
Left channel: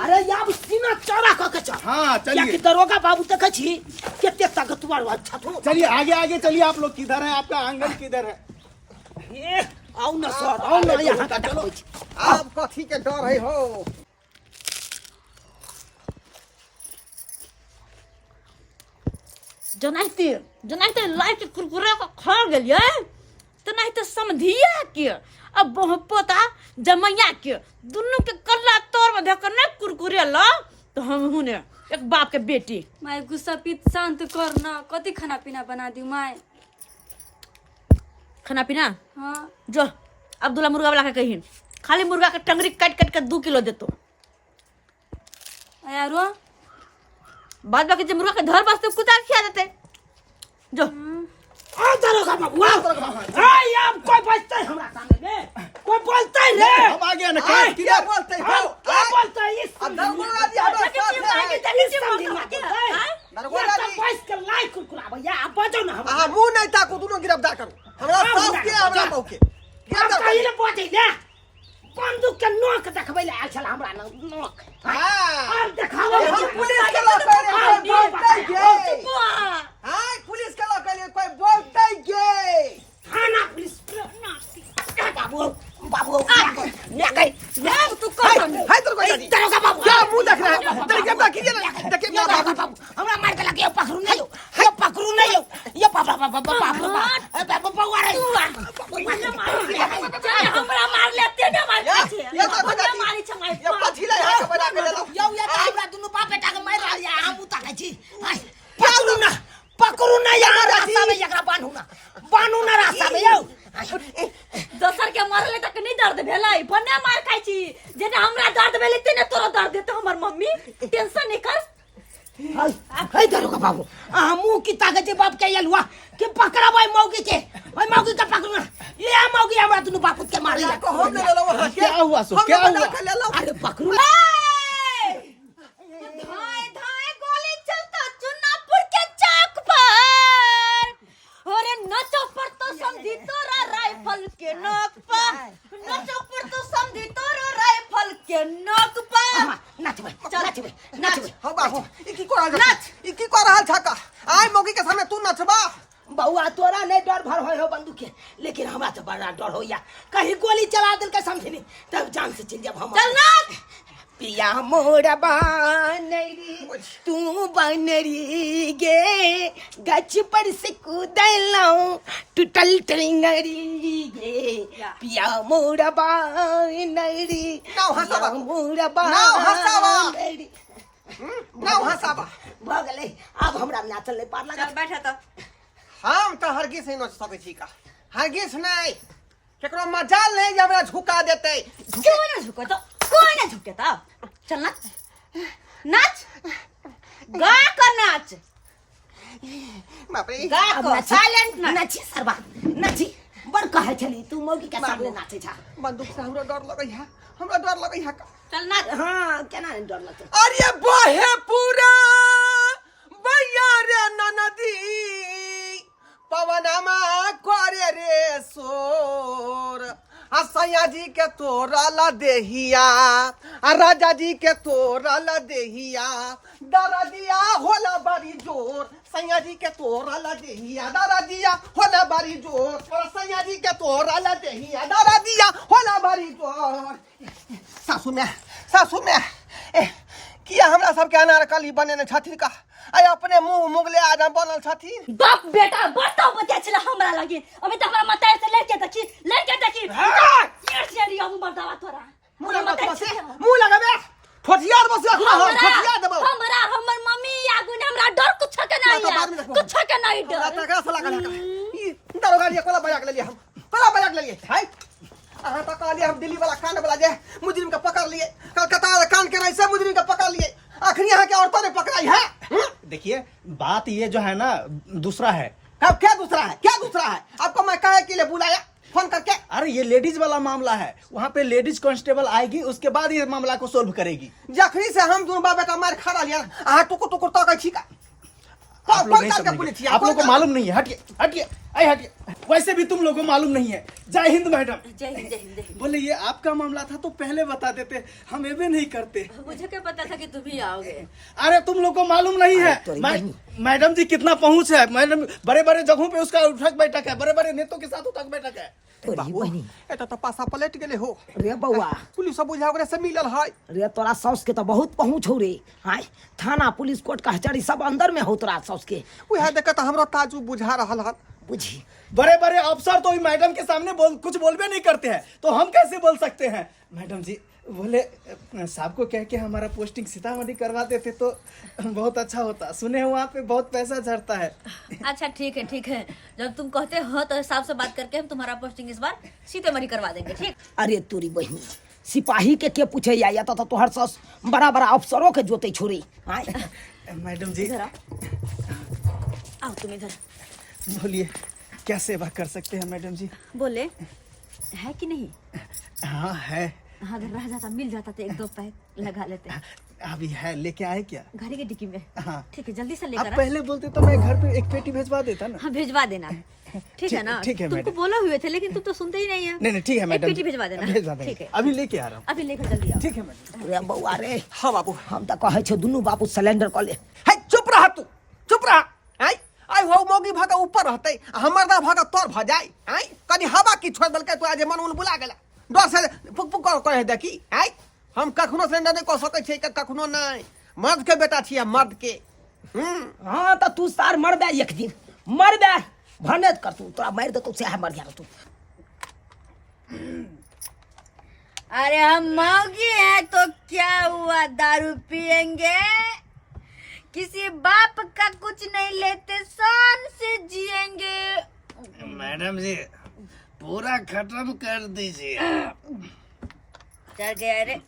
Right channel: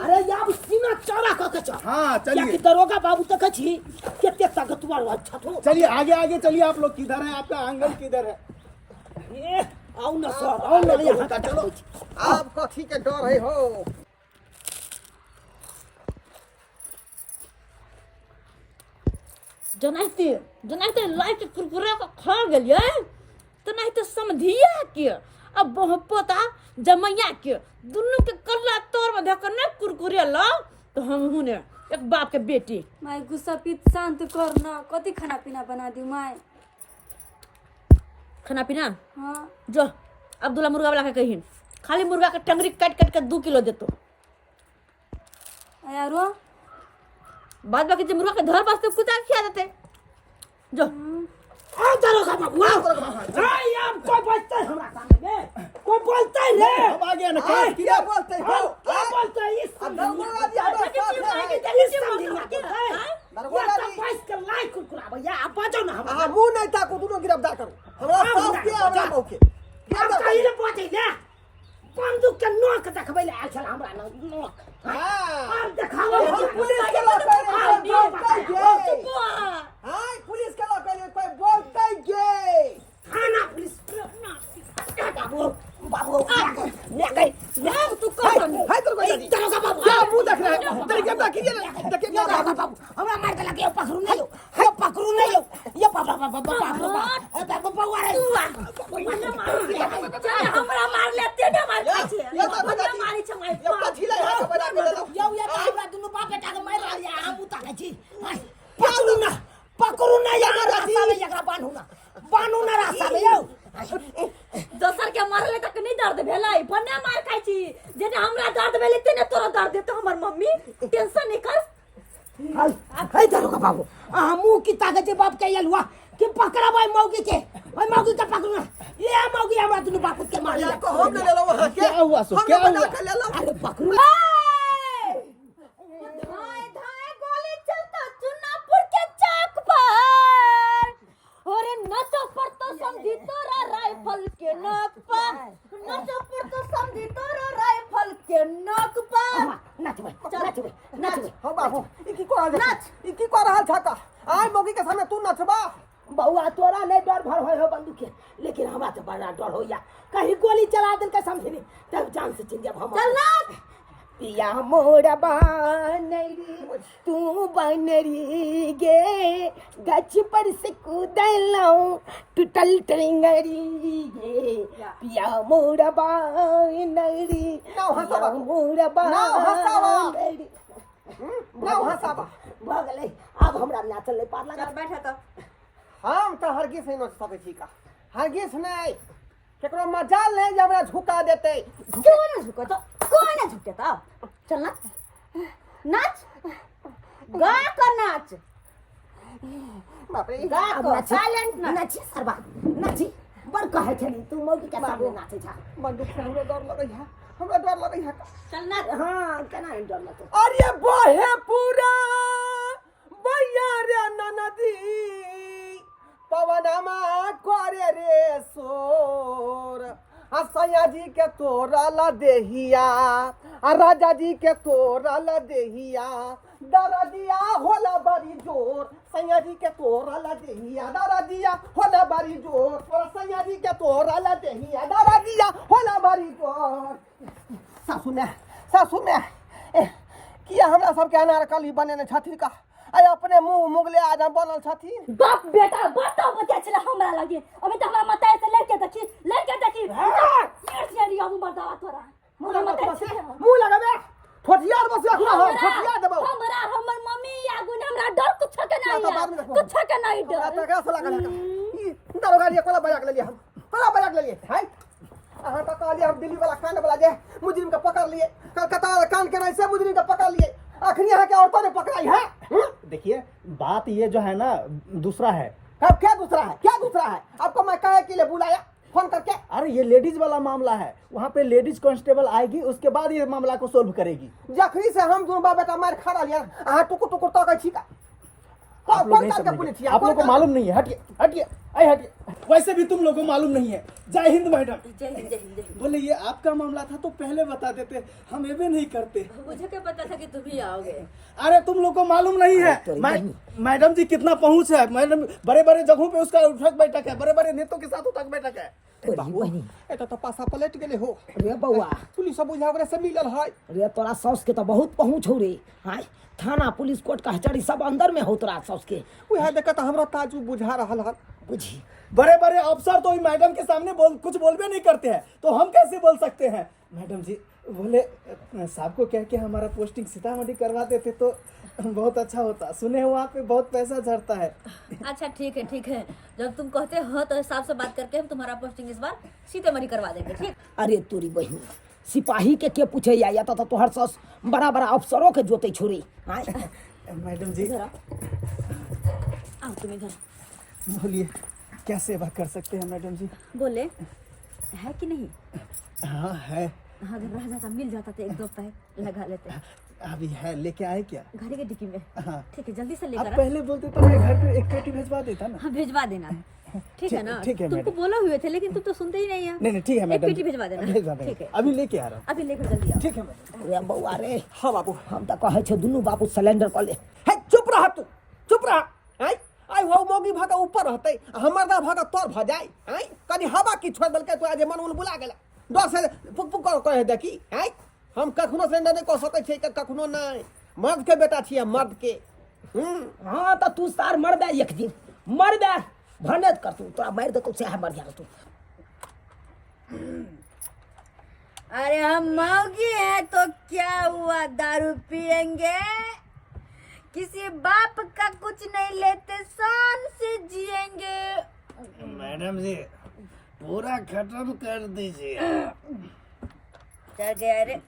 अरे याब सीना चौड़ा क के चल। हाँ क्या चलिए कि दरोगा बाबू तक छी केते ताकतवर अच्छा तो। चलिए आगे आगे चलिए। आप लोग किधर हैं? आपका आंगन किधर है? ए आओ ना सर, आओ ना यहाँ का चलो। आप कथी के डर है हो? जनाइते लाइट कुरकुरा का खा गेलिए, तो नहीं तो समधिया के अब पोता जमैया के दुनू के कल्ला तोर में धकर ना कुरकुरे ला, तो हम हुने एक बाप के बेटी। माय गुस्सा पीत शांत कर ना, कति खाना पीना बना दी माय। खाना पीना हाँ जो अब्दुल्ला मुर्गा वाला के कहिन, खाली मुर्गा के टंगरी काट काट के 2 किलो देतो। यारो बाद बाकी जो मुर्गा के धर बसते कुत्ता के खिया देते। जो आ दरोगा बाबू, आ याब कोई बचते हमरा सामने में, कोई बोलते ही रे। हम आ गया ना। क्या बोलते हो? क्या बोलते है इस दरोगा जी हमारे साथ है। ये सब पैस के लाइक कुरकुरा भैया, आप बचो ना हमरा। अहाँ मुंह नहीं ताको, दोनों गिरफ्तार करो। हमरा साथ के हमरा मौके के अब कहीं ने पहुंचे ना, बंदूक के नोक देखबै ले आयल छल हमरा नोक। हां अब देखाओ पुलिस के लोग कह रहे हैं बोलते गे। हां पुलिस के लोग कह रहे हैं कोई बोलते गे। थाना पुलिस बाबू बाबू ने कहीं नाम तू कर हाय तेरे को दरोगा बाबू क्या मुंह देख रहा है? तेरे क्या बाकी है ना? देखिए क्या बाबू बाबू हमरा मार के लगे पकड़ू नहीं हो, ये पकड़ू नहीं हो, ये बाबा बाबा बाबा बाबा बाबा रे हमरा मार लेते ना मार ये तो मारी छमाई ये पछिला यहाँ के बना के ले लो। यो ये हमरा दुनु बाप बेटा के मार रहा है, हम उता छी। पकड़ू ना यार, रास्ता में एकरा बानू ना रास्ता में यो। दोसर के मारले तक नहीं दर्द भेलै, बने मार खाइ छी। जेने हमरा दर्द भेलै तेने तोरा दर्द देतो हमर मम्मी। टेंशन नहीं कर। है दरोगा बाबू, मुंह की ताकत बाप के यलवा कि पकड़ा भाई मौगी के, भाई मौगी का पकड़ू ना। ये मौगी हमरा दुनु बाप के मार लिया। को हम ले लो वहां क्या हुआ सो? क्या हुआ? ले लो। अरे पकड़ू धाय धाय गोली चलता चुनापुर के चौक पर। अरे नचो पर तो समझी तोरा राइफल के नोक पर, नचो पर तो समझी तोरा राइफल के नोक पर। नाच भाई, नाच भाई, नाच भाई। हो बाबू ई की कर रहल नाच, ई की कर रहल छका? आई मौगी के सामने तू नचबा? बउआ तोरा नहीं डर भर होय हो बंदूक के, लेकिन हमरा तो बड़ा डर होया। कहीं गोली चला दिल के समझी नहीं तब जान से चल जब हम। चल नाच। पिया मोरा बनरी तू बनरी गे, गच पर से कूदलऊ टूटल टेंगरी गे। पिया मोरा बनरी नाव हसावा, मोरा नाव हसावा। बनरी नाव हसाबा। भ गेलै, अब हमरा नाचल नहीं पार लगा। चल बैठा तो। हम तो हरगिज नहीं नच सकै छी का, हरगिज नहीं। केकरो मजाल नहीं जे हमरा झुका देते। क्यों ना झुको तो, कोई ना झुके तो। चल ना नाच गा कर नाच बाप रे गा कर साइलेंट नाच नाची सरबा नाची बड़ कहे छली तू मौगी के सामने नाचे छा बंदूक से हमरा डर लगै है, हमरा डर लगै है। चल नाच हां केना नहीं डर लगतो अरे बहे पूरा भैया रे ननदी पवनमा करे रे सोर, सैया जी के तोरल देहिया, राजा जी के तोरल देहिया, दरदिया होला बड़ी जोर, सैया जी के तोरल देहिया, दरदिया होला बड़ी जोर, सैया जी के तोरल देहिया, दरदिया होला बड़ी जोर। सासू में किया हमरा सबके अनारकली बनेने छथिन का? आय अपने मुंह मुगले आदम बनल छथिन। बाप बेटा बताओ बता चला हमरा लगे अभी तक हमरा मताए से लेके देखी यार से रिया मर्दावा तोरा मुंह लगाबे ठोठियार बस हम ठोठिया देबो हमरा हमर मम्मी आगु ने हमरा डर कुछ के नहीं कुछ के नहीं डर तका से लागल ई दरोगा जी कोला बजा के लेलिए, हम कोला बजा के लेलिए है। अहाँ तो कहलिए हम दिल्ली वाला कांड वाला जे मुजरिम का पकड़ लिए, कलकत्ता वाला कांड के से मुजरिम का पकड़ लिए, आखिरी यहाँ के औरतों ने पकड़ाई है। देखिए बात ये जो है ना दूसरा है। क्या दूसरा है? क्या दूसरा है? आपको मैं काहे के लिए बुलाया फोन करके? अरे ये लेडीज वाला मामला है, वहाँ पे लेडीज कांस्टेबल आएगी, उसके बाद ये मामला को सोल्व करेगी। जखनी से हम दोनों बाप बेटा मार खा लिया, अहाँ टुकुर टुकुर तक छी का? आप लोग नहीं समझेंगे, आप लोगों को मालूम नहीं है। हटिए हटिए हटिए, वैसे भी तुम लोगों को मालूम नहीं है। जय हिंद मैडम। जय हिंद जय हिंद। बोले ये आपका मामला था तो पहले बता देते, हम ये भी नहीं करते। मुझे क्या पता था कि तुम ही आओगे। अरे तुम लोग को मालूम नहीं है मैडम जी कितना पहुंच है। मैडम बड़े बड़े जगहों पे उसका उठक बैठक है, बड़े बड़े नेताओं के साथ उठक बैठक है। एटा तो पासा पलट गेले हो रे बउआ पुलिस सब बुझा ओकरे से मिलल है। रे तोरा सौस के तो बहुत पहुंच हो रे। हाय थाना पुलिस कोर्ट कचहरी सब अंदर में हो तोरा सौस के। उहे देख त हमरा ताजू बुझा रहल है। बुझी बड़े बड़े अफसर तो मैडम के सामने कुछ बोलबे नहीं करते हैं, तो हम कैसे बोल सकते हैं। मैडम जी बोले साहब को कह के हमारा पोस्टिंग सीतामढ़ी करवा देते तो बहुत अच्छा होता। सुने वहाँ पे बहुत पैसा झड़ता है। अच्छा ठीक है, जब तुम कहते हो तो हिसाब से बात करके हम तुम्हारा पोस्टिंग इस बार सीतामढ़ी करवा देंगे। ठीक। अरे तोरी बहनी सिपाही के पूछे या तो तोहर सौस बड़ा बड़ा अफसरों के जोते छोड़ी। मैडम जी आओ तुम इधर। बोलिए क्या सेवा कर सकते हैं मैडम जी। बोले है कि नहीं? हाँ है। हाँ, अगर रह जाता मिल जाता तो एक दो पैक लगा लेते। अभी है, लेके आए क्या? गाड़ी के डिक्की में। हाँ ठीक है, जल्दी से आप लेकर आ। पहले बोलते तो मैं घर पे एक पेटी भेजवा देता ना। हाँ भिजवा देना। ठीक है ना? ठीक है तुमको मैडम। बोला हुए थे लेकिन तुम तो सुनते ही नहीं है। नहीं ठीक है मैडम, एक पेटी भिजवा देना। भेजवा देंगे। ठीक है, अभी लेके आ रहा हूँ। अभी लेकर जल्दी आओ। ठीक है मैडम। रे बउआ रे हाँ बाबू हम तो कहे छे दुनू बाबू सिलेंडर क ले। है चुप रह तू, चुप रह। है आई हो मौगी भागा ऊपर रहते, हमर दा भागा तोर भ जाए। है कनी हवा की छोड़ देलकै तो आज मन बुला गेला, डर से पुक पुक कहे देखी। है हम कखनो सिलेंडर नहीं कह सकै छी, कखनो नहीं। मर्द के बेटा छियै, मर्द के। हाँ तो तू सार मर बे एक दिन मर बे भनत कर तू तोरा मार दे तो से मर गया तू। अरे हम मौगी हैं तो क्या हुआ, दारू पियेंगे, किसी बाप का कुछ नहीं लेते, शान से जिएंगे। मैडम जी पूरा खत्म कर दीजिए। चढ़ गया रे,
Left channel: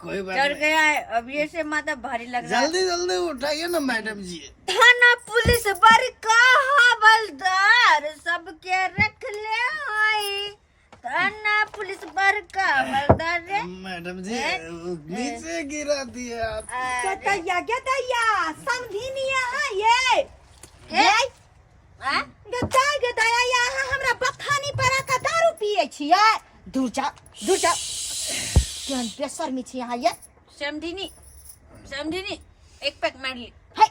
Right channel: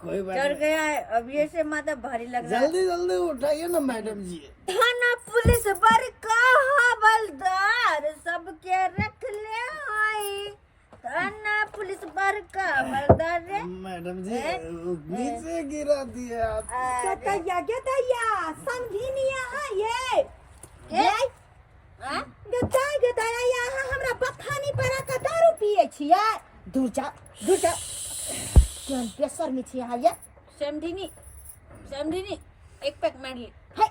कोई बात चढ़ गया है। अब ये से माथा भारी लग रहा है। जल्दी जल्दी उठाइए ना मैडम जी। थाना पुलिस बड़का हवलदार सबके रख ले आई। थाना पुलिस बड़का हवलदार रे। मैडम जी नीचे गिरा दिए आप। गदया समझिनिया ये हाँ? गदया यहाँ हमरा बथानी पर का दारू पिए छियै। दूर जा केहन बेशर्मी छी यहाँ ये। समझिनी एक पैक मार ली। है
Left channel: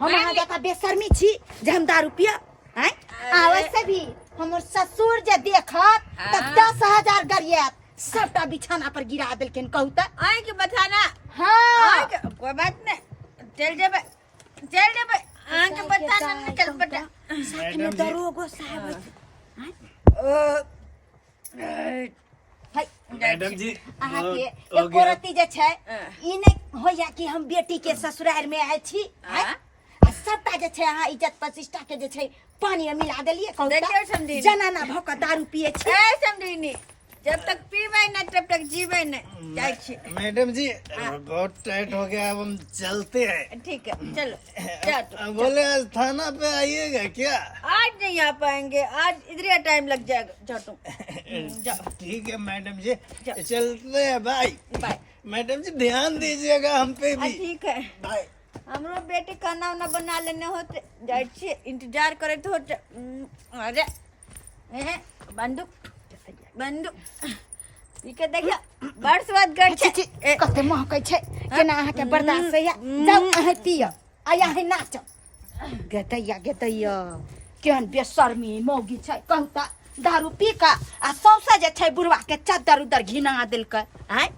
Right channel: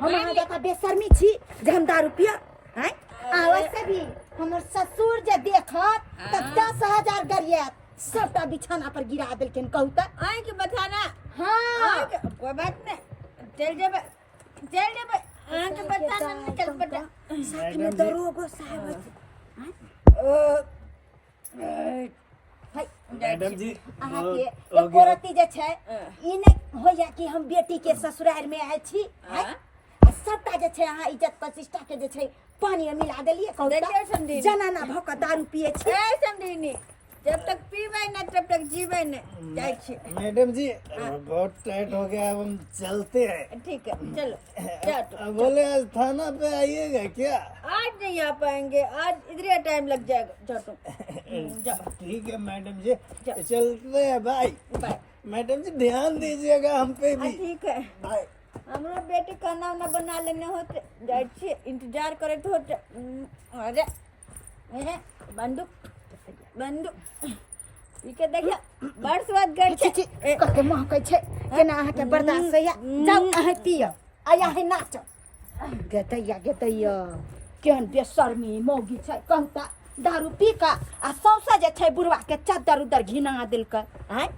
हम यहाँ जका बेशर्मी छी जे हम दारू पिया। हैं आवश्य भी हमर ससुर जे देखत त 10,000 गरियत सबटा बिछाना पर गिरा देलखिन। कहू त आई के बताना। हाँ कोई बात नहीं, चल जेबे आके बताना निकल बेटा। साथ में दरोगो साहब मैडम जी अहाँ के एक औरती जे छै ई नहीं होया कि हम बेटी के ससुराल में आए छी। आ सबटा जे छै अहाँ इज्जत प्रतिष्ठा के जे छै पानी में मिला देलिए। कहू देखियो त समझी जनाना भक दारू पिए छी। ए समझिनी जब तक पीबै नहीं तब तक जीबै नहीं। जाए छी। मैडम जी बहुत टाइट हो गया, अब हम चलते हैं। ठीक है चलो जा तुम। बोले आज थाना पे आइएगा क्या? आज नहीं आ पाएंगे, आज इधर टाइम लग जाएगा। जाओ तुम जाओ। ठीक है मैडम जी, चलते हैं। Bye bye. मैडम जी ध्यान दीजिएगा हम पे भी। ठीक है। बाय। हमरो बेटी खाना उना बना लेने होते, जाए छी इंतजार करे तो होते। अरे बंदूक बंदूक ठीक है देखिए बड़ स्वाद गड़ छी कते महकै छै केना अहाँ के बर्दाश्त है जाऊ अहाँ पियो आया है नाच गेतैया केहन बेशर्मी मौगी छै कहता दारू पी का आ सौसा जे छै बुढ़वा के चादर उदर घिना देलकै हैं।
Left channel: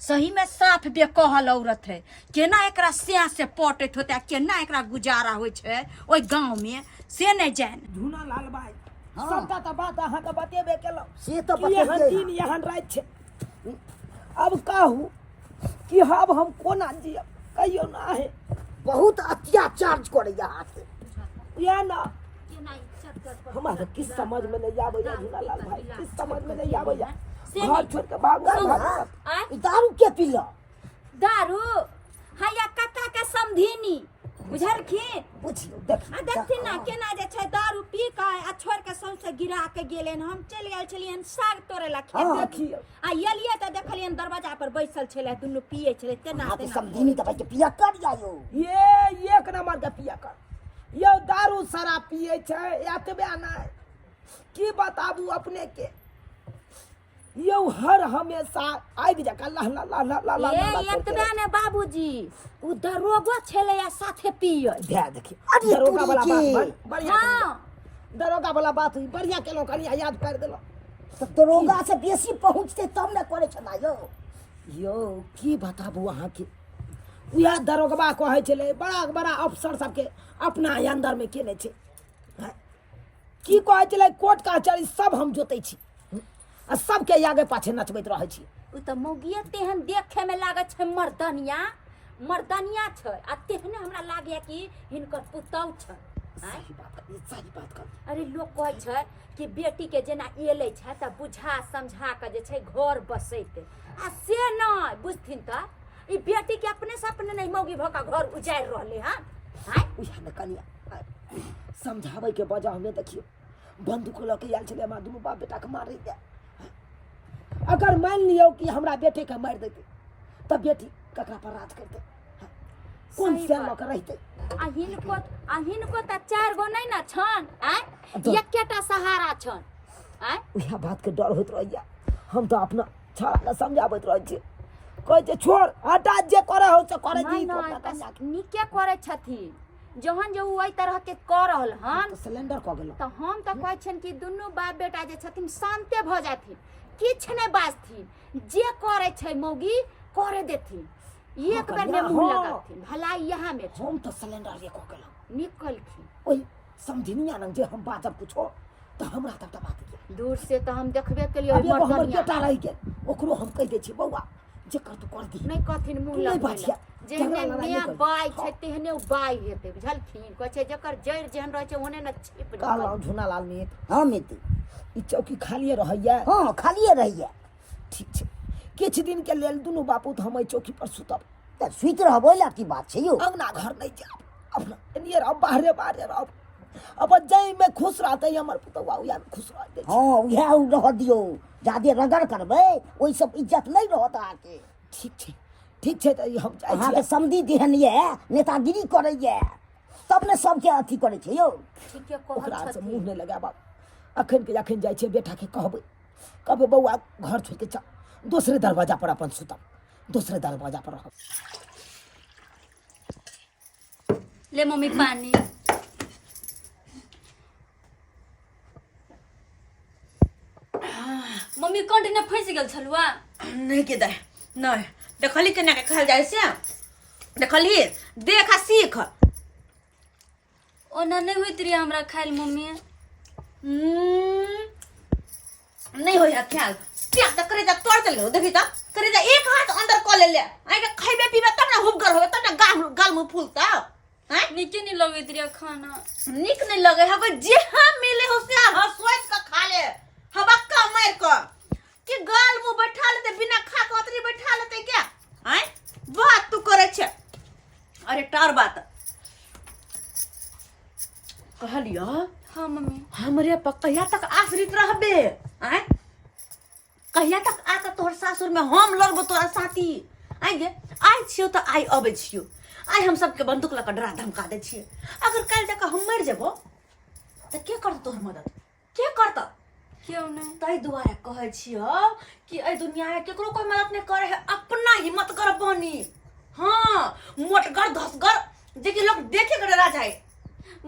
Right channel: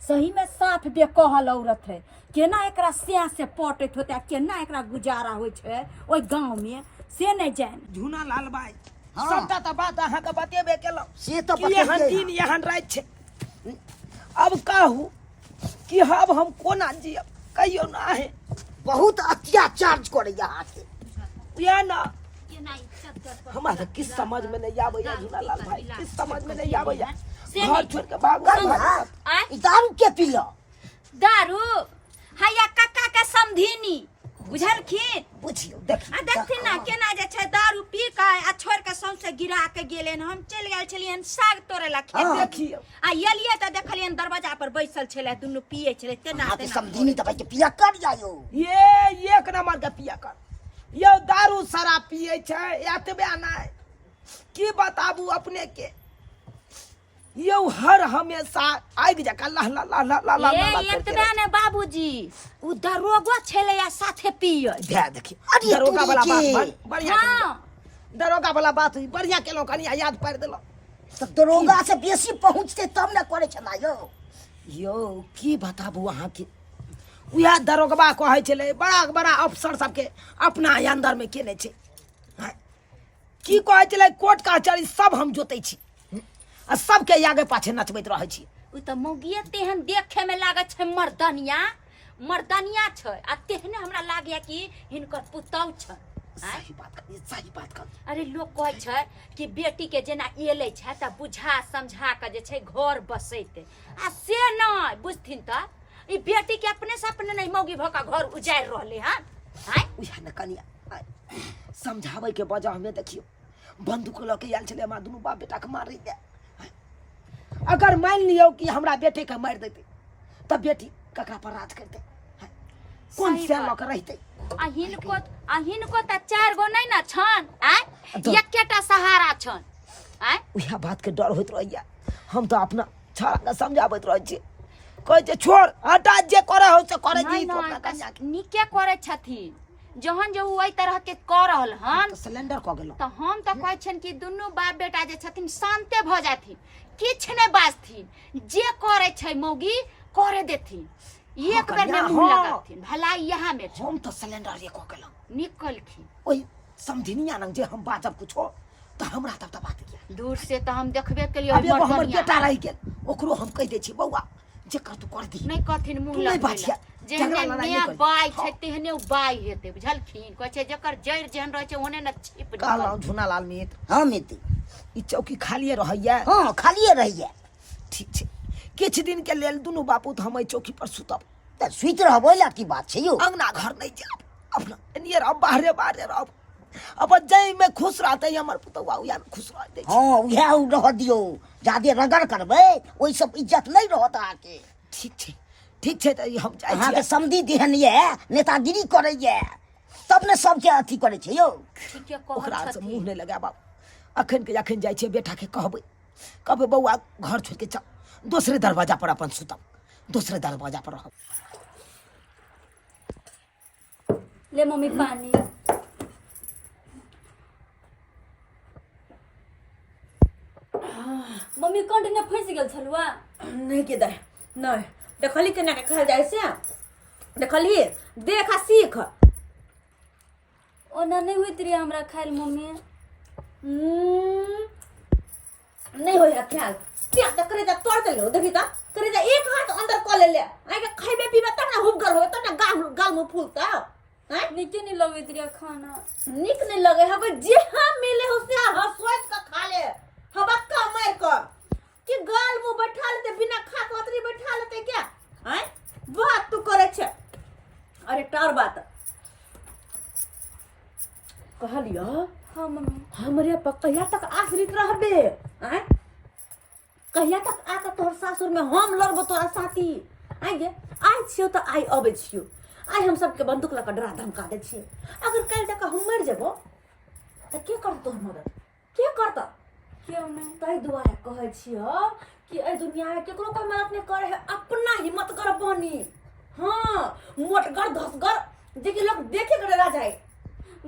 सही में साफ बेकहल औरत है, केना एकरा स्याह से पटैत होते, केना एकरा गुजारा होइ छै ओइ गांव में से नहीं जाने। झूना लाल भाई सबटा तो बात अहाँ के बतेबे केलौ से तो कि यहाँ दिन यहाँ रात छै। अब कहू कि अब हम कोना जियब कहियो ना है। बहुत अत्याचार करे यहाँ के। या ना हमारा तो किस समझ में नहीं आवे या झूना लाल भाई, किस समझ में नहीं आवे या घर छोड़ के भाग गए। दारू के पीलो? दारू हैया काका के समधिनी बुझलखिन। बुझियो देखथिन ना केना जे छै दारू पी के आ छोड़ के सौंसे गिरा के गेलेन। हम चल गेल छलियन साग तोड़े ला खेत देखियो आ एलिए त देखलियन दरवाजा पर बैसल छले दुनु पिए छले तेना हाँ, तो समझी दवाई के पिया कर जायो। ये एक नंबर के पिया कर यो दारू शराब पिए छै एतबे नहीं की बताबू अपने के। यो हर हमेशा आगि जका ला ला ला ला ला ला एतबे ने बाबूजी उ दरोगा छले या साथे पिए। दे देखी दरोगा वाला बात बढ़िया हां दरोगा वाला बात बढ़िया केलो कनिया याद पार देलो। तो दरोगा से बेसी पहुंचते तब न करे छला यो। यो की बताबू अहाँ के उया दरोगबा कहै छले बड़ा बड़ा अफसर सबके अपना अंदर में केने छै। की कहै छले कोर्ट कचहरी सब हम जोतै छी आ सबके आगे पाछे नचबैत रहै छी। उ त मौगिए तेहन देखे में लागत छै मर्दनिया छै आ तेहने हमरा लागय कि हिनकर पुतौ छै। सही बात कर। अरे लोग कहै छै कि बेटी के जेना एले छै त बुझा समझा के जे छै घर बसैते आ से नहीं बुझथिन त ई बेटी के अपने से अपने नहीं मौगी भका घर उजाड़ रहले हन। हैं उया न कनिया समझाबै के वजह में देखियो बंदूक ल के आयल छले हमरा दुनू बाप बेटा के मारै दे। अगर मान लियो कि हमरा बेटे के मार देते तब बेटी ककरा पर राज करते कौन से ल के रहते। अहिनको त चार गो नहीं ना छन आ एकेटा सहारा छन आ उया बात के डर होइत रहैया। हम तो अपना छाड़ा के समझाबैत रहै छी कहै छै छोड़ हटा जे करे हो से करे दी तो अपना कन्या के निके करे छथिन जहन जे ओइ तरह के कर रहल हन तो सिलेंडर क गेलो त हम त कहै छन कि दुनू बाप बेटा जे छथिन शांते भ जाथिन किछ नहीं बाजथिन जे करे छै मौगी करे देथिन एक बेर में मुंह लगाथिन भलाई यहाँ में छै। हम तो सिलेंडर रे क गेलो निकलखिन ओइ समझिनिया न जे हम बाजब कुछो तो हमरा तब त बात के दूर से त हम देखबे केलिए अब एगो हमर बेटा रह गेल ओकरो हम कह दे छी बौआ जे कर तू कर दी नहीं कहथिन मुंह नहीं लगा बाजिया जेहने मियां बाई छै तेहने उ बाई हेते बुझलखिन कहै छै जकर जड़ जेहन रहै छै ओहने न छिप कहलौ झुना लाल मित्र। हाँ मित्र ई चौकी खालिए रहैया। हाँ खालिए रहिए। ठीक छै किछ दिन के लेल दुनू बापू तो हम चौकी पर सुतब त सुइत रहबो ला की बात छै यो। अंगना घर नहीं जाब अपना नियर अब बाहरे रहब अब जई में खुश रहते हमर पुतौआ उया में खुश रहते। हाँ उहे रह दियो जादे रगड़ करबे ओइ सब इज्जत नहीं रहत आके। ठीक छै त हम जाय अहाँ छी के समधी देहन ये नेतागिरी करे ये तब ने सबके अथी करे छै यो। ठीके ओकरा कहत से छथिन मुंह नहीं लगाब अखन के अखन जाय छै बेटा के कहबै बौआ घर छोड़ के चल दूसरे दरवाजा पर अपन सुतब दूसरे दरवाजा पर रहब। ले मम्मी पानी मम्मी कंटिन्यू फंस गेल छलुआ नहीं के दे नहीं देखली केना के कहल जाय से देखली देख आ सीख। ओना नहीं होइत रही हमरा खाइल मम्मी नहीं होय ख्याल क्या त करे जा तोड़ चलो देखी त करे जा एक हाथ अंदर क ले आइ के खइबे पीबे तब ना हुबगर होबे तब ना गाल मुंह फूलता हैं। नीचे नहीं लगैत रही खाना निक नहीं लगे हको जे हम मिले हो से हसवाइस का खा ले हबक्का मार क कि गाल मुंह बैठा लेते बिना खा के ओतरी बैठा लेते क्या हैं बात तू करे छे अरे टार बात कहलियो हाँ मम्मी हमरे पर कहिया तक आश्रित रहबे हैं कहिया तक आके तोहर सासुर में हम लड़बो तोरा साथी आगे आइ छियो तो आइ अबे छियो आइ हम सबके बंदूक लगा डरा धमका दे छिए अगर कल तक हम मर जेबो तो के करत तोहर मदद के करत क्यों नहीं तै दुआरे कहै छियो कि ए दुनिया में केकरो कोई मदद नहीं करे है अपना हिम्मत कर बनी हां मोटगर धसगर देखि लोग देखे के डरा जाए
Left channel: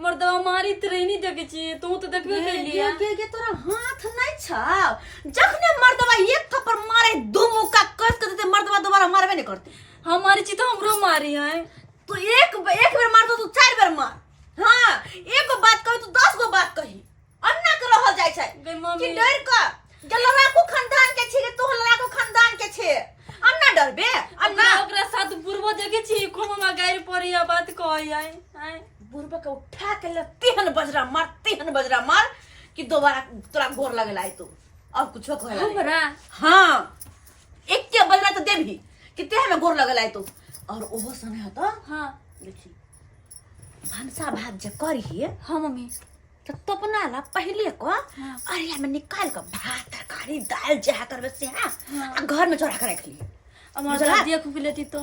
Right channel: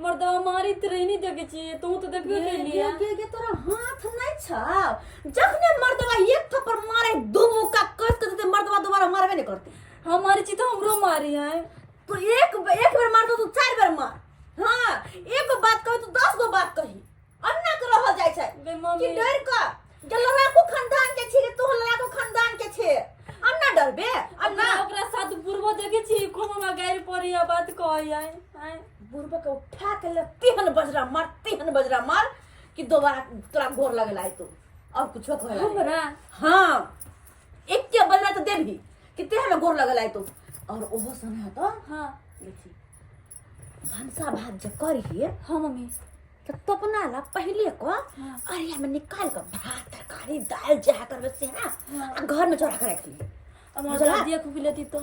मर्दवा मारी तोरे नहीं देखे छी तू तो देखबे के लिया के तोरा हाथ नहीं छ जखने मर्दवा एक थप्पड़ मारे दो मुक्का कस के देते मर्दवा दोबारा मारबे नहीं करते हमारी ची तो हमरो मारी है तू एक बेर मार दो तू 4 बेर मार हां एक गो बात कही तू 10 गो बात कही अन्ना के रहल जाय छै बे मम्मी कि डर का जलरा को खानदान के छी तू हलरा को खानदान के छे अन्ना डरबे अन्ना ओकरा साथ पूर्व देखे छी खोमा गाड़ी पड़ी बात कहै है बुरबे के उठा के ले तीहन बजरा मार कि दोबारा तोरा गोर लगेला है तू और कुछो कहला हमरा हां एक के बजरा तो देबही कि ते में गोर लगेला है तू और ओहो सने हतो हाँ देखी भंसा भात जे करी हाँ मम्मी तो तपना ला पहले को अरिया में निकाल के भात तरकारी दाल जहा करबे से हां घर में चोरा के रख ली हमार दादी को लेती तो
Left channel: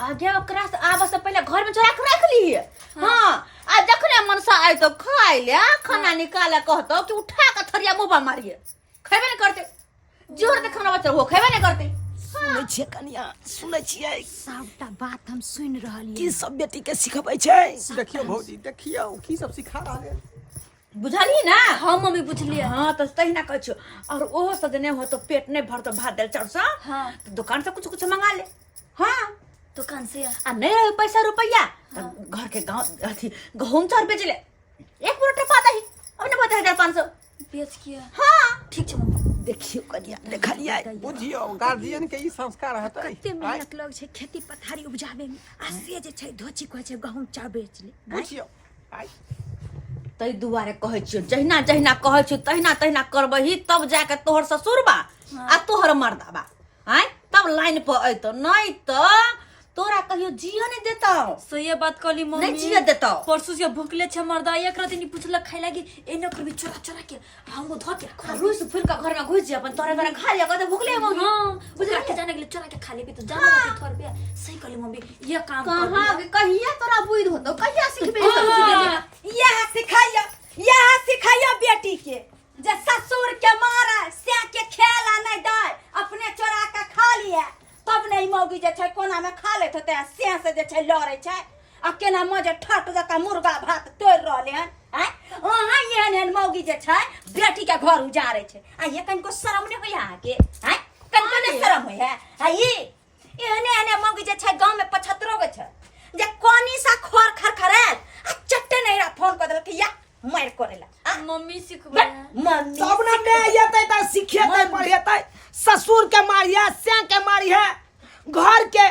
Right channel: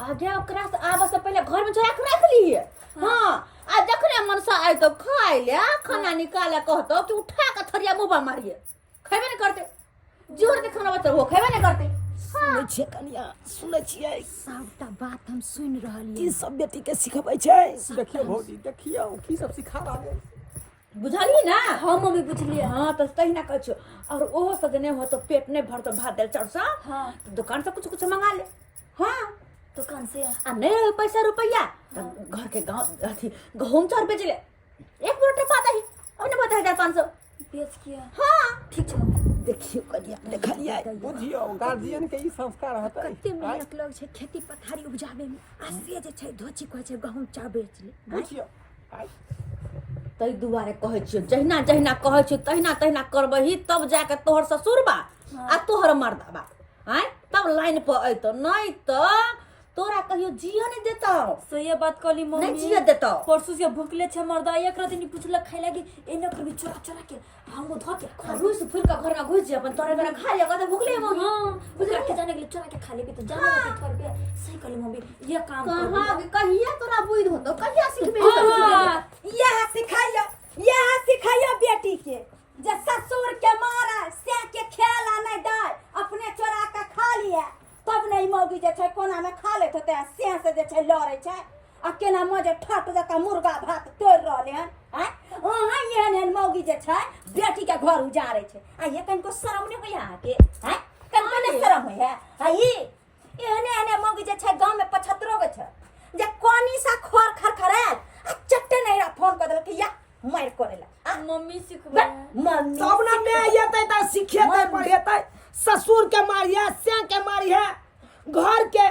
आगे ओकरा से आबे से पहले घर में चोरा के रख ली हां आ जखने मनसा आइ तो खाइ ले खाना निकाले कहतो कि उठा के थरिया मुंह पर मारिए खैबे नहीं करते जोर दे खाना बच्चा हो खैबे नहीं करते सुनै छियै कनिया सुनै छियै सबटा बात हम सुन रहलिए की सब बेटी के सिखबै छै देखियो भौजी देखियो की सब सिखा रहा है बुझलिए ना हाँ मम्मी बुझलिए हां तो तहिना कहै छो और ओहो सदने हो तो पेट नहीं भरतो भात दाल चाउर सा हाँ तो दुकान से कुछ मंगा ले हां दुकान से आ नहीं रहे पैसा रुपया तो घर के गांव अथी गहूम चाउर बेच ले एक बोरा पाता ही अब ने बता 1500 बेच किया हां ठीक छै मम्मी देखियो कनिया देखलियै बुझियो गार्जियन के ई संस्कार हतै कते मेहनत लग छै खेती पथारी उपजाबे में आ से जे छै धोची कहै छै गहूम चाउर बेच ले बुझियो आइ तै दुआरे कहै छियो जहिना जहिना कहै छियो तहिना करबही तब जाके तोहर ससुरबा आ तोहर मर्दाबा आइ तब लाइन पर अइतो नहीं तो तोरा कहियो जियो नहीं देता सो ये बात कहली मम्मी नहीं जियो देता परसू से भूखले छे मर्दा एक रात नहीं पूछला खाइ लागी ए न करबी चोरा के हमको धो के खा रुस फूल का घर में घुस जे अपन तोरे खा लिया कहते भूखले मम्मी हां बुझला के जाने के लिए चोरा के खा लेबी तो जानो के थोर पे सही कहली मम्मी ये काम कर कहां कहिया तोरा बुझ होतो कहिया सिखबे ई सब चीज यह सिखाइयो बेटी के जे ससुर के मारा से के खेला नहीं दे अपने चोरा के खा लिए तब नहीं मौगी जे छै कोना में खा लेत होते से जे छै लड़े छै आ केना मजे ठट जका मुर्गा भात तोड़ रहले हन हैं ओहा एहन मौगी जे छै बेटी के घर उजारे छै आ ये कनको शरम नहीं होय आ के हैं कनको नहीं शरम होय है ई एहने मौगी जे छै गांव में 75 गो छै जे कोनी सा खोर खरखराल आ चट्टे नहीं रा फोन कर देलक या मार करेला मम्मी सिखबे मम्मी सब ना मैं येतै त सिखेतै पढ़ेतै ससुर के मारिया से के मारिया घर के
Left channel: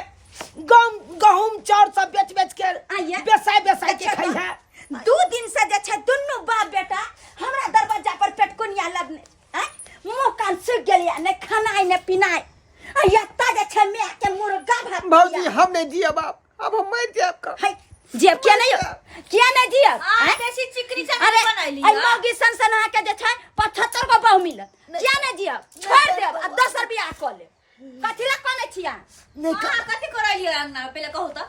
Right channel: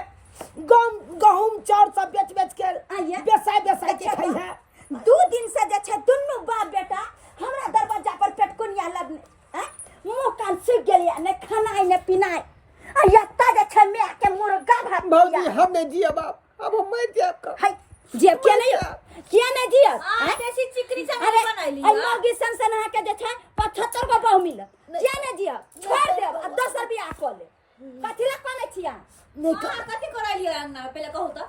गहूम चाउर सब बेच के बेसाय के खाई है 2 दिन से जे छै दुन्नु बाप बेटा हमरा दरवाजा पर पेटकुनिया लगने हैं मुंह कान सूख गेलिया ने खाना ने पीनाय आ यत्ता जे छै मैं के मुर्गा भात भौजी हम नहीं जिया बाप अब हम मर जाब का हाय जेब क्या नहीं दिया देसी चिकनी से अरे बनैली आई मौगी सन के जे छै 75 गो बहु मिलत क्या नहीं दिया छोड़ देब आ 10 रुपया क ले कथि ला कोने छिया कथि करैली अंगना में पहले कहू तो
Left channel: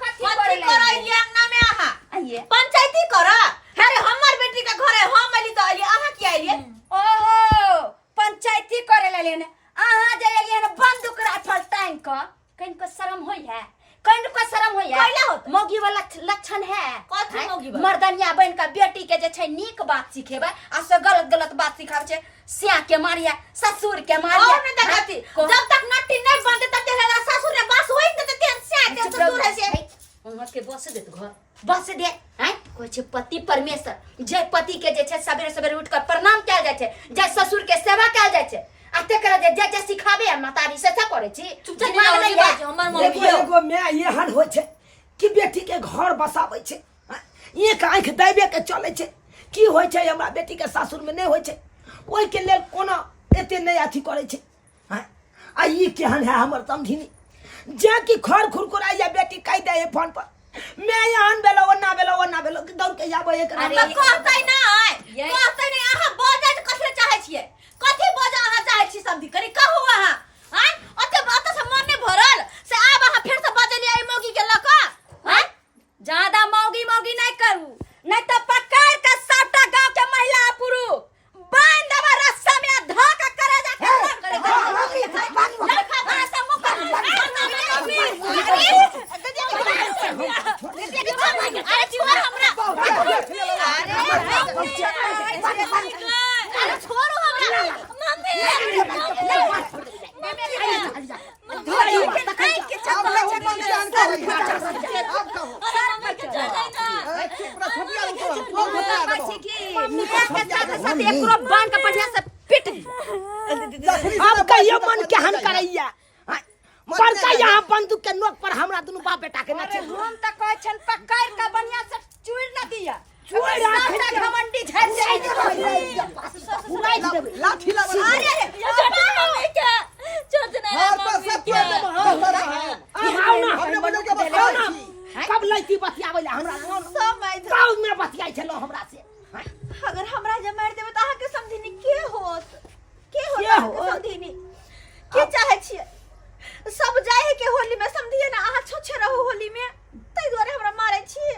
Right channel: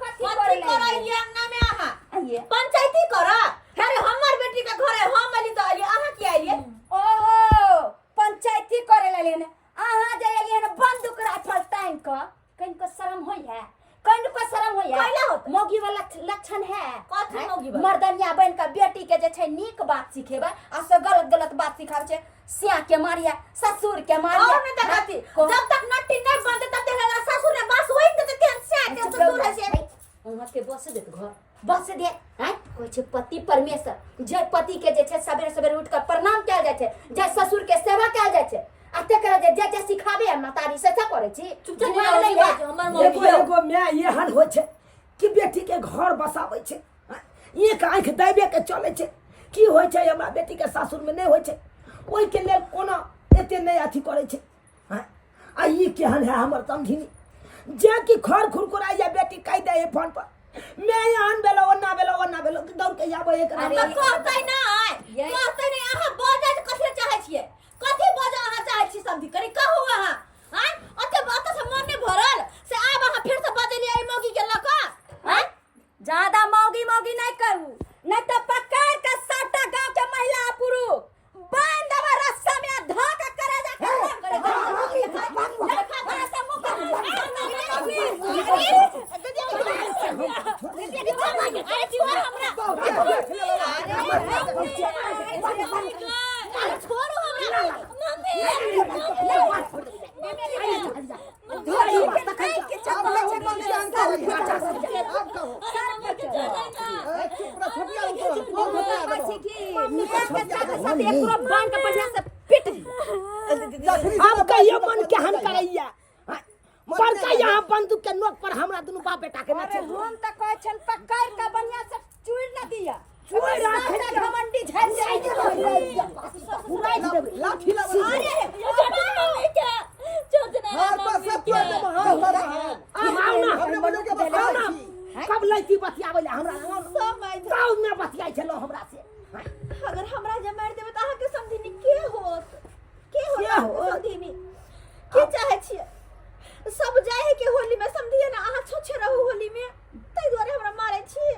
कथि करैली अंगना में आहा आइए पंचायती करा अरे हमर बेटी के घरे हम अली तो अली आहा की आइली ओहो पंचायती करे ले ने आहा जे एलिए ने बंदूक राइफल टाइम क कनको शर्म होई है कनको शर्म होई है कैला होत मौगी वाला लक्षण है कथि मौगी वाला? मर्दनिया बन का बेटी के जे छै नीक बात सिखेबा आ से गलत बात सिखाब छै सिया के मारिया ससुर के मारिया और ने देखती जब तक नट्टी नहीं बनते तब तक अगर ससुर ने बस होई देते तेन से तेन ससुर है से उहाँ के बस दे घर बस दे हैं कोई छै पति परमेश्वर जय पति के जे छै सवेरे सवेरे उठ कर प्रणाम कैल जाय छै जय ससुर के सेवा कैल जाय छै आ तेकरा जे सिखाबे मातारी से करे छी दिमाग नहीं बाज हमर मम्मी देखो एगो मैं एहन होइ छै कि बेटी के घर बसाबै छै एक आंख देबे के चले छै की होइ छै हमरा बेटी के सासुर में नहीं होइ छै ओइ के लेल कोना एते नहीं अथी करे छै आई केहन है हमर समझिनी जे की खर खुरकुराई या बेटी कह दे फोन पर मैं यहाँ बेलो ओना बेलो दौड़ के जाबो एक कहतै नहीं अहाँ बजे कथि चाहै छियै कथि बजे अहाँ चाहै छी समझी करी कहू अहाँ हैं ओते से मन नहीं भरल से आब अहाँ फिर से बजलियै मौगी के लक हैं ज्यादा मौगी नहीं करू, नहीं तो पकड़ के सबटा गांव के महिला पुरुष बांध देबा रस्सा में धो के करे बांध के बढ़िया से पिट अब कहियो मन केहन करैया बड़का यहाँ बंदूक के नोक पर हमरा दुनू बाप बेटा के नचे हम त कहै छन पकड़ के बढ़िया से चुड़ न दिया चुड़ राखे के घमंडी झड़ जाए उड़ाई देबे लाठी लगा अरे क्या छोड़ ना हां बस सब तो हां बड़ा है आओ ना हमने बोले के बस कब लैती बतियाबै ले हमरा गाँव में बतियाइ छलो हमरा से अगर हमरा जे मार देबे त अहाँ के समझिनी के होत समझिनी के चाहै छियै सब जाय है के होली में समझिए ना अहाँ छोछे रहू होली में तै दुआरे हमरा मारै छी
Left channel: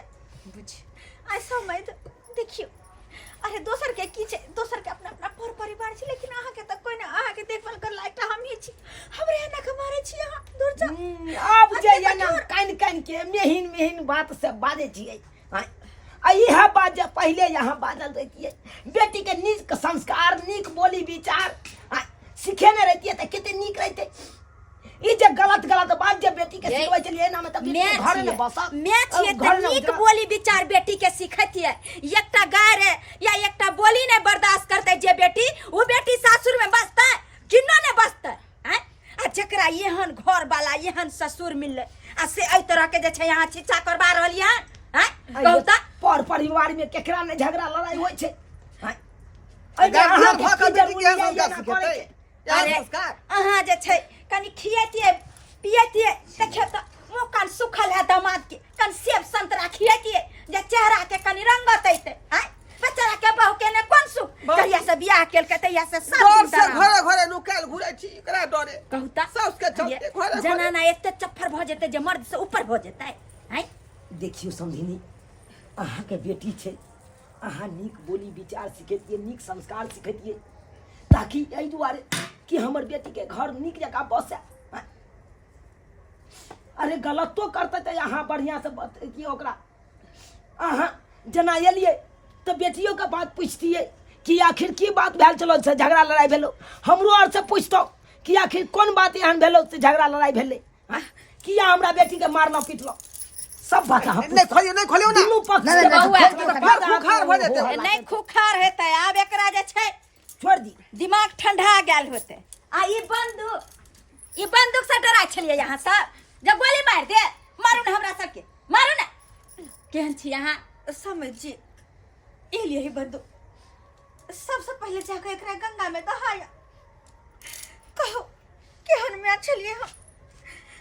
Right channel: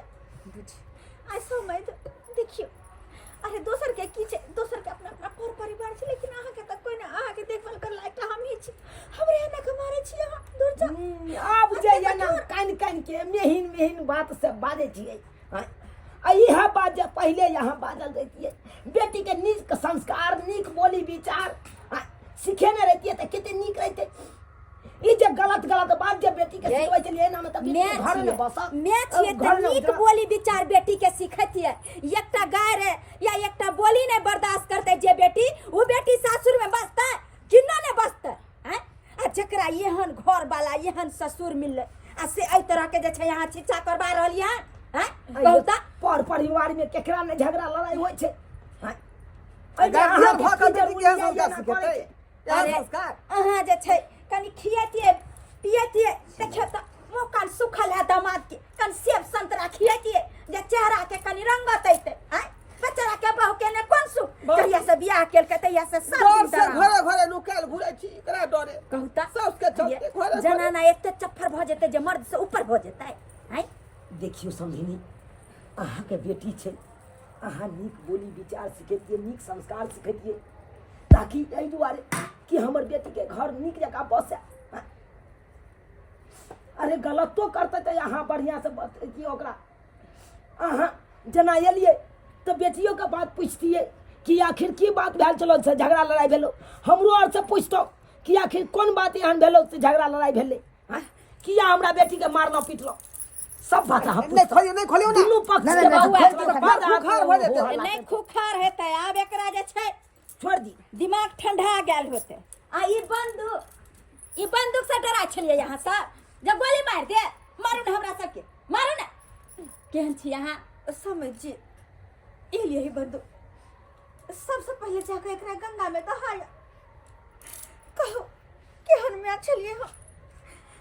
बुझ आई समय देखियो अरे दोसर के की छै दोसर के अपना अपना परिवार छै लेकिन अहाँ के त कोई ना अहाँ के देखभाल कर लायक हम ही छी हमरे एना के मारै छी अहाँ दूर जा अब जे या ना कान के मेहिन बात से बाजे छियै यह बात जे पहले यहाँ बाजल रहती बेटी के नीक संस्कार नीक बोली विचार सिखेने रहती त कितने नीक रहते ई जे गलत बात जे बेटी के सिखबै छलिए ना मतलब घर में बसा मैं छिए त नीक बोली विचार बेटी के सिखैतिए एकटा गाय रे या एकटा बोली ने बर्दाश्त करते जे बेटी वो बेटी सासुर में बसतै किन्नो ने बसतै हैं आ जकरा एहन घर वाला एहन ससुर मिलले आ से एई तरह के जे छै यहाँ छिछा करबा रहलिए हैं कहू त पर परिवार में केकरा ने झगड़ा लड़ाई होय छै हैं अहाँ के जरूरी है अरे अहाँ जे छै कनी खियैतिए पियैतिए देखियो त मुंह कान सुखल है दामाद के कन सेब संतरा खियैतिए जे चेहरा के कनी रंगत ऐते हैं बेचारा के बहू के ने कोन सुख कहिया से बियाह केल के तहिया से सब दिन से घरे नुकाल घुरै छी एकरा डरे कहू त सास के चलते घरे जनाना एते चफ्फर भ जेते जे मर्द से ऊपर भ जेतै हैं देखियो समझिनी अहाँ के बेटी छै अहाँ नीक बोली विचार सिखेतिए नीक संस्कार सिखेतिए ताकि एहि दुआरे कि हमर बेटी के घर नीक जगह बसे अरे गलतो करते तो यहाँ बढ़िया से कि ओकरा अहाँ जना एलिए तो बेटियों का बात पूछतिए कि आखिर की बात भेल चलो से झगड़ा लड़ाई भेलो हमरो और से पूछतो कि आखिर कौन बात एहन भेलो से झगड़ा लड़ाई भेले किया हमरा बेटी के मारलो पीटलो सब बात हम नहीं खोलियो ना दुनू पक्ष के खुखार भ जेते नहीं खुखार हेतै आब एकरा जे छै छोड़ दी दिमाग ठंडा गेल होते आ ई बंदूक से डरा छलिए यहाँ सब जब गोली मार दे मारू ना हमरा सबके मारू ना केहन छी यहाँ समझिए एलिए ही बंदूक सबसे पहले जाकर एकरा गंगा में दहाया कहो केहन में छलिए हम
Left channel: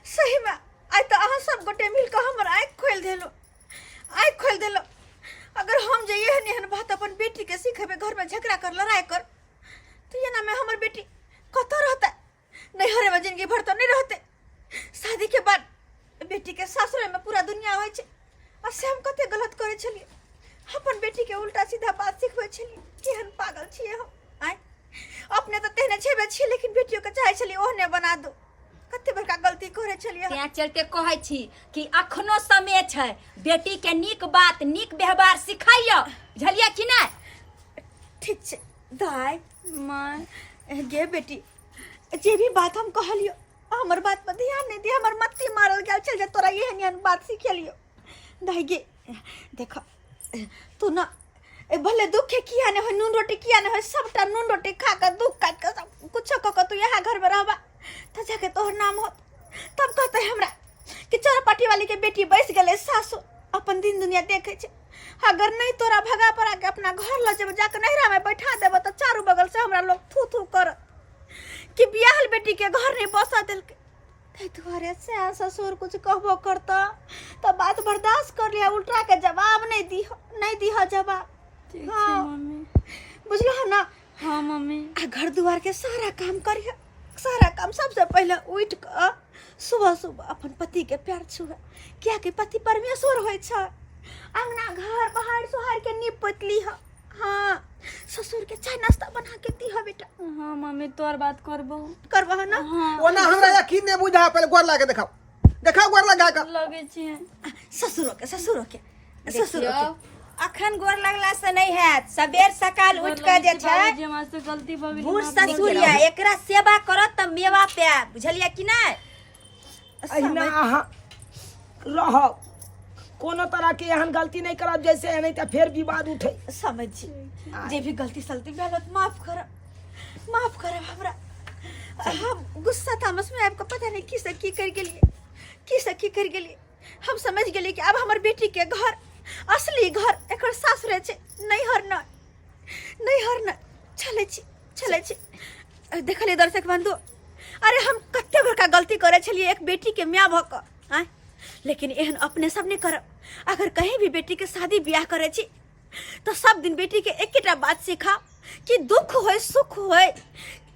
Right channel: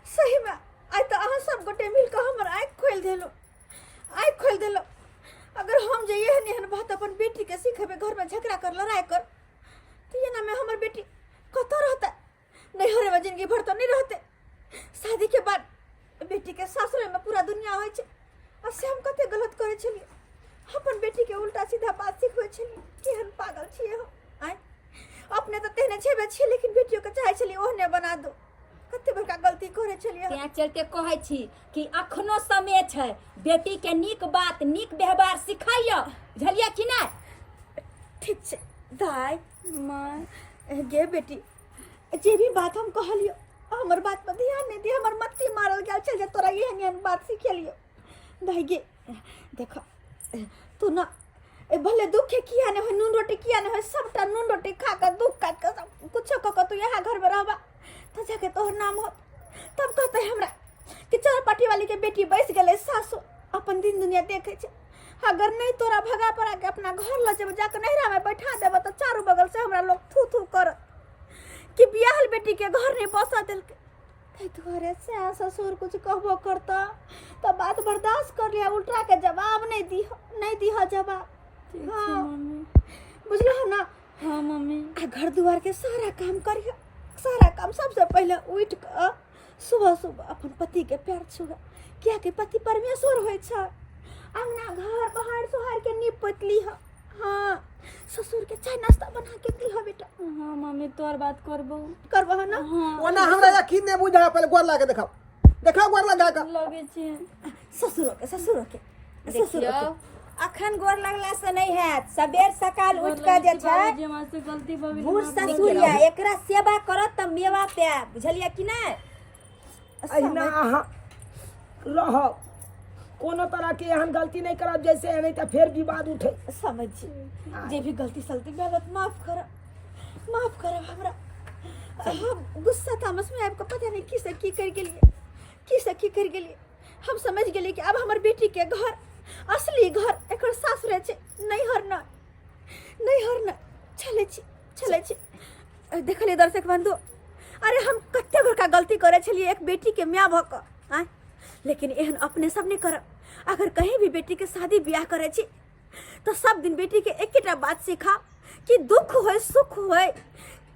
सही में आई तो अहाँ सब गोटे मिलकर हमर आँख खोल देलो अगर हम जे एहन बात अपन बेटी के सिखेबे घर में झगड़ा कर लड़ाई कर तो ये ना में हमर बेटी कतो रहता नहीं हरे में जिंदगी भर तो नहीं रहते शादी के बाद बेटी के सासुर में पूरा दुनिया होय छै और से हम कते गलत करे छलिए अपन बेटी के उल्टा सीधा बात सिखबै छलिए केहन पागल छिए हम आइ अपने तो तेहने छेबे छी लेकिन बेटियों के चाहे छलिए ओहने बना दो कते बड़का गलती करे छलिए तें चल के कहै छी कि अखनो समय छै बेटी के नीक बात नीक व्यवहार सिखाइयो बुझलिए कि नहीं ठीक छै दाई मां गे बेटी जे भी बात हम कहलियो हमर बात पर ध्यान नहीं दे हमर मत्ती मारल गेल चल जे तोरा एहन बात सिखेलियो दाई गे देखो तू ना भले दुख के किया ने हो नून रोटी किया ने हो सबटा नून रोटी खा कर दुख काट कर सब कुछ क तू यहाँ घर में रहबा तो जाके तोहर नाम हो तब कहते हमरा कि चौरापाटी वाली के बेटी बैस गले सासु अपन दिन दुनिया देखे छे अगर नहीं तोरा भगा पड़ा के अपना घर ल जब जाके नहरा में बैठा देब तो चारों बगल से हमरा लोग थू थू कर कि बियाहल बेटी के घर नहीं बसा दिलके। कई तुम्हारे से ससुर कुछ कहबो करता तो बात बर्दाश्त कर लिया, उल्टा के जवाब नहीं दी जवाब। ठीक हाँ। है मम्मी। बुझलो है ना? हाँ मम्मी। आ घर दुआर के सारा काम करिए, सारा काम सबसे पहले उठ कर सुबह सुबह अपन पति के पैर छुए, क्या कि पति परमेश्वर होय छै। अंगना घर बाहर सोहार के नीप पतली है। हाँ, ससुर के चाय नाश्ता बना के दी हो बेटा। हाँ मम्मी तोर बात करबो। करबो है ना? ओना हमरा यकीन नहीं बुझा, पहले गोर लाके देखाओ गोर लगा के। लगे छै ससुरो के देखियो अखन गोर लगला से नहीं हैत, सबेर सकाल उठ के जे छै बाबूजी हमरा से गलती भऽ गेल। बूढ़ ससुरिया एकरा सेवा करत त मेवा पे, बुझलियै कि नहीं? अहिना अहाँ रह, कोनो तरह के एहन गलती नहीं करब जैसे नहीं तो फिर विवाद उठे। समझ जे भी गलती सलती भेल माफ कर हमरा। हम गुस्सा तामस में आपको पता नहीं की से की कर गेलिए। हम समझ गेलिए कि अब हमर बेटी के घर असली घर एकर सासुरे छै, नैहर न चले छी। देखलिए दर्शक बंधु, अरे हम कते बड़का गलती करे छलिए एक बेटी के माय भ क, लेकिन एहन अपने सब नहीं करब। अगर कहीं भी बेटी के शादी ब्याह करे छी तो सब दिन बेटी के एकेटा बात सिखाओ कि दुख होय सुख होय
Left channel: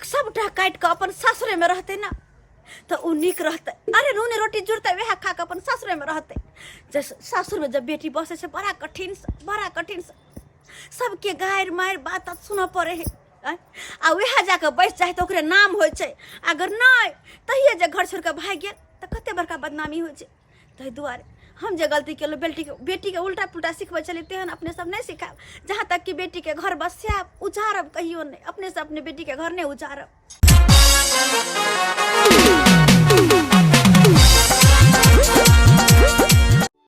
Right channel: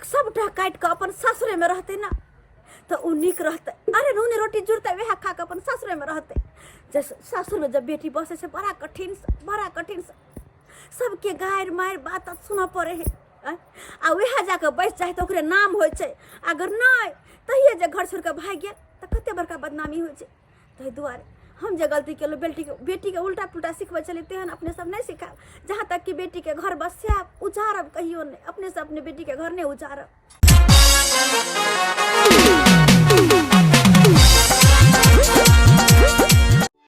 सबटा काट के अपन सासुरे में रहते ना तो उ नीक रहते। अरे नून रोटी जुड़ते वह खा के अपन सासुरे में रहते। जैसे सासुर में जब बेटी बसे से बड़ा कठिन से सबके गायर मायर बात सुना पड़े है। आ वह जाके बैस जाए तो ओकरे नाम हो छै, अगर नहीं तहिए जे घर छोड़ के भाग गेल तो कते बड़का बदनामी हो छै। ताहि दुआरे हम जे गलती केलो बेटी के उल्टा पुल्टा सिखबै छलिए तेहन अपने सब नहीं सिखाब। जहाँ तक कि बेटी के घर बसाब उजारब कहियो नहीं, अपने से अपने बेटी के घर नहीं उजारब।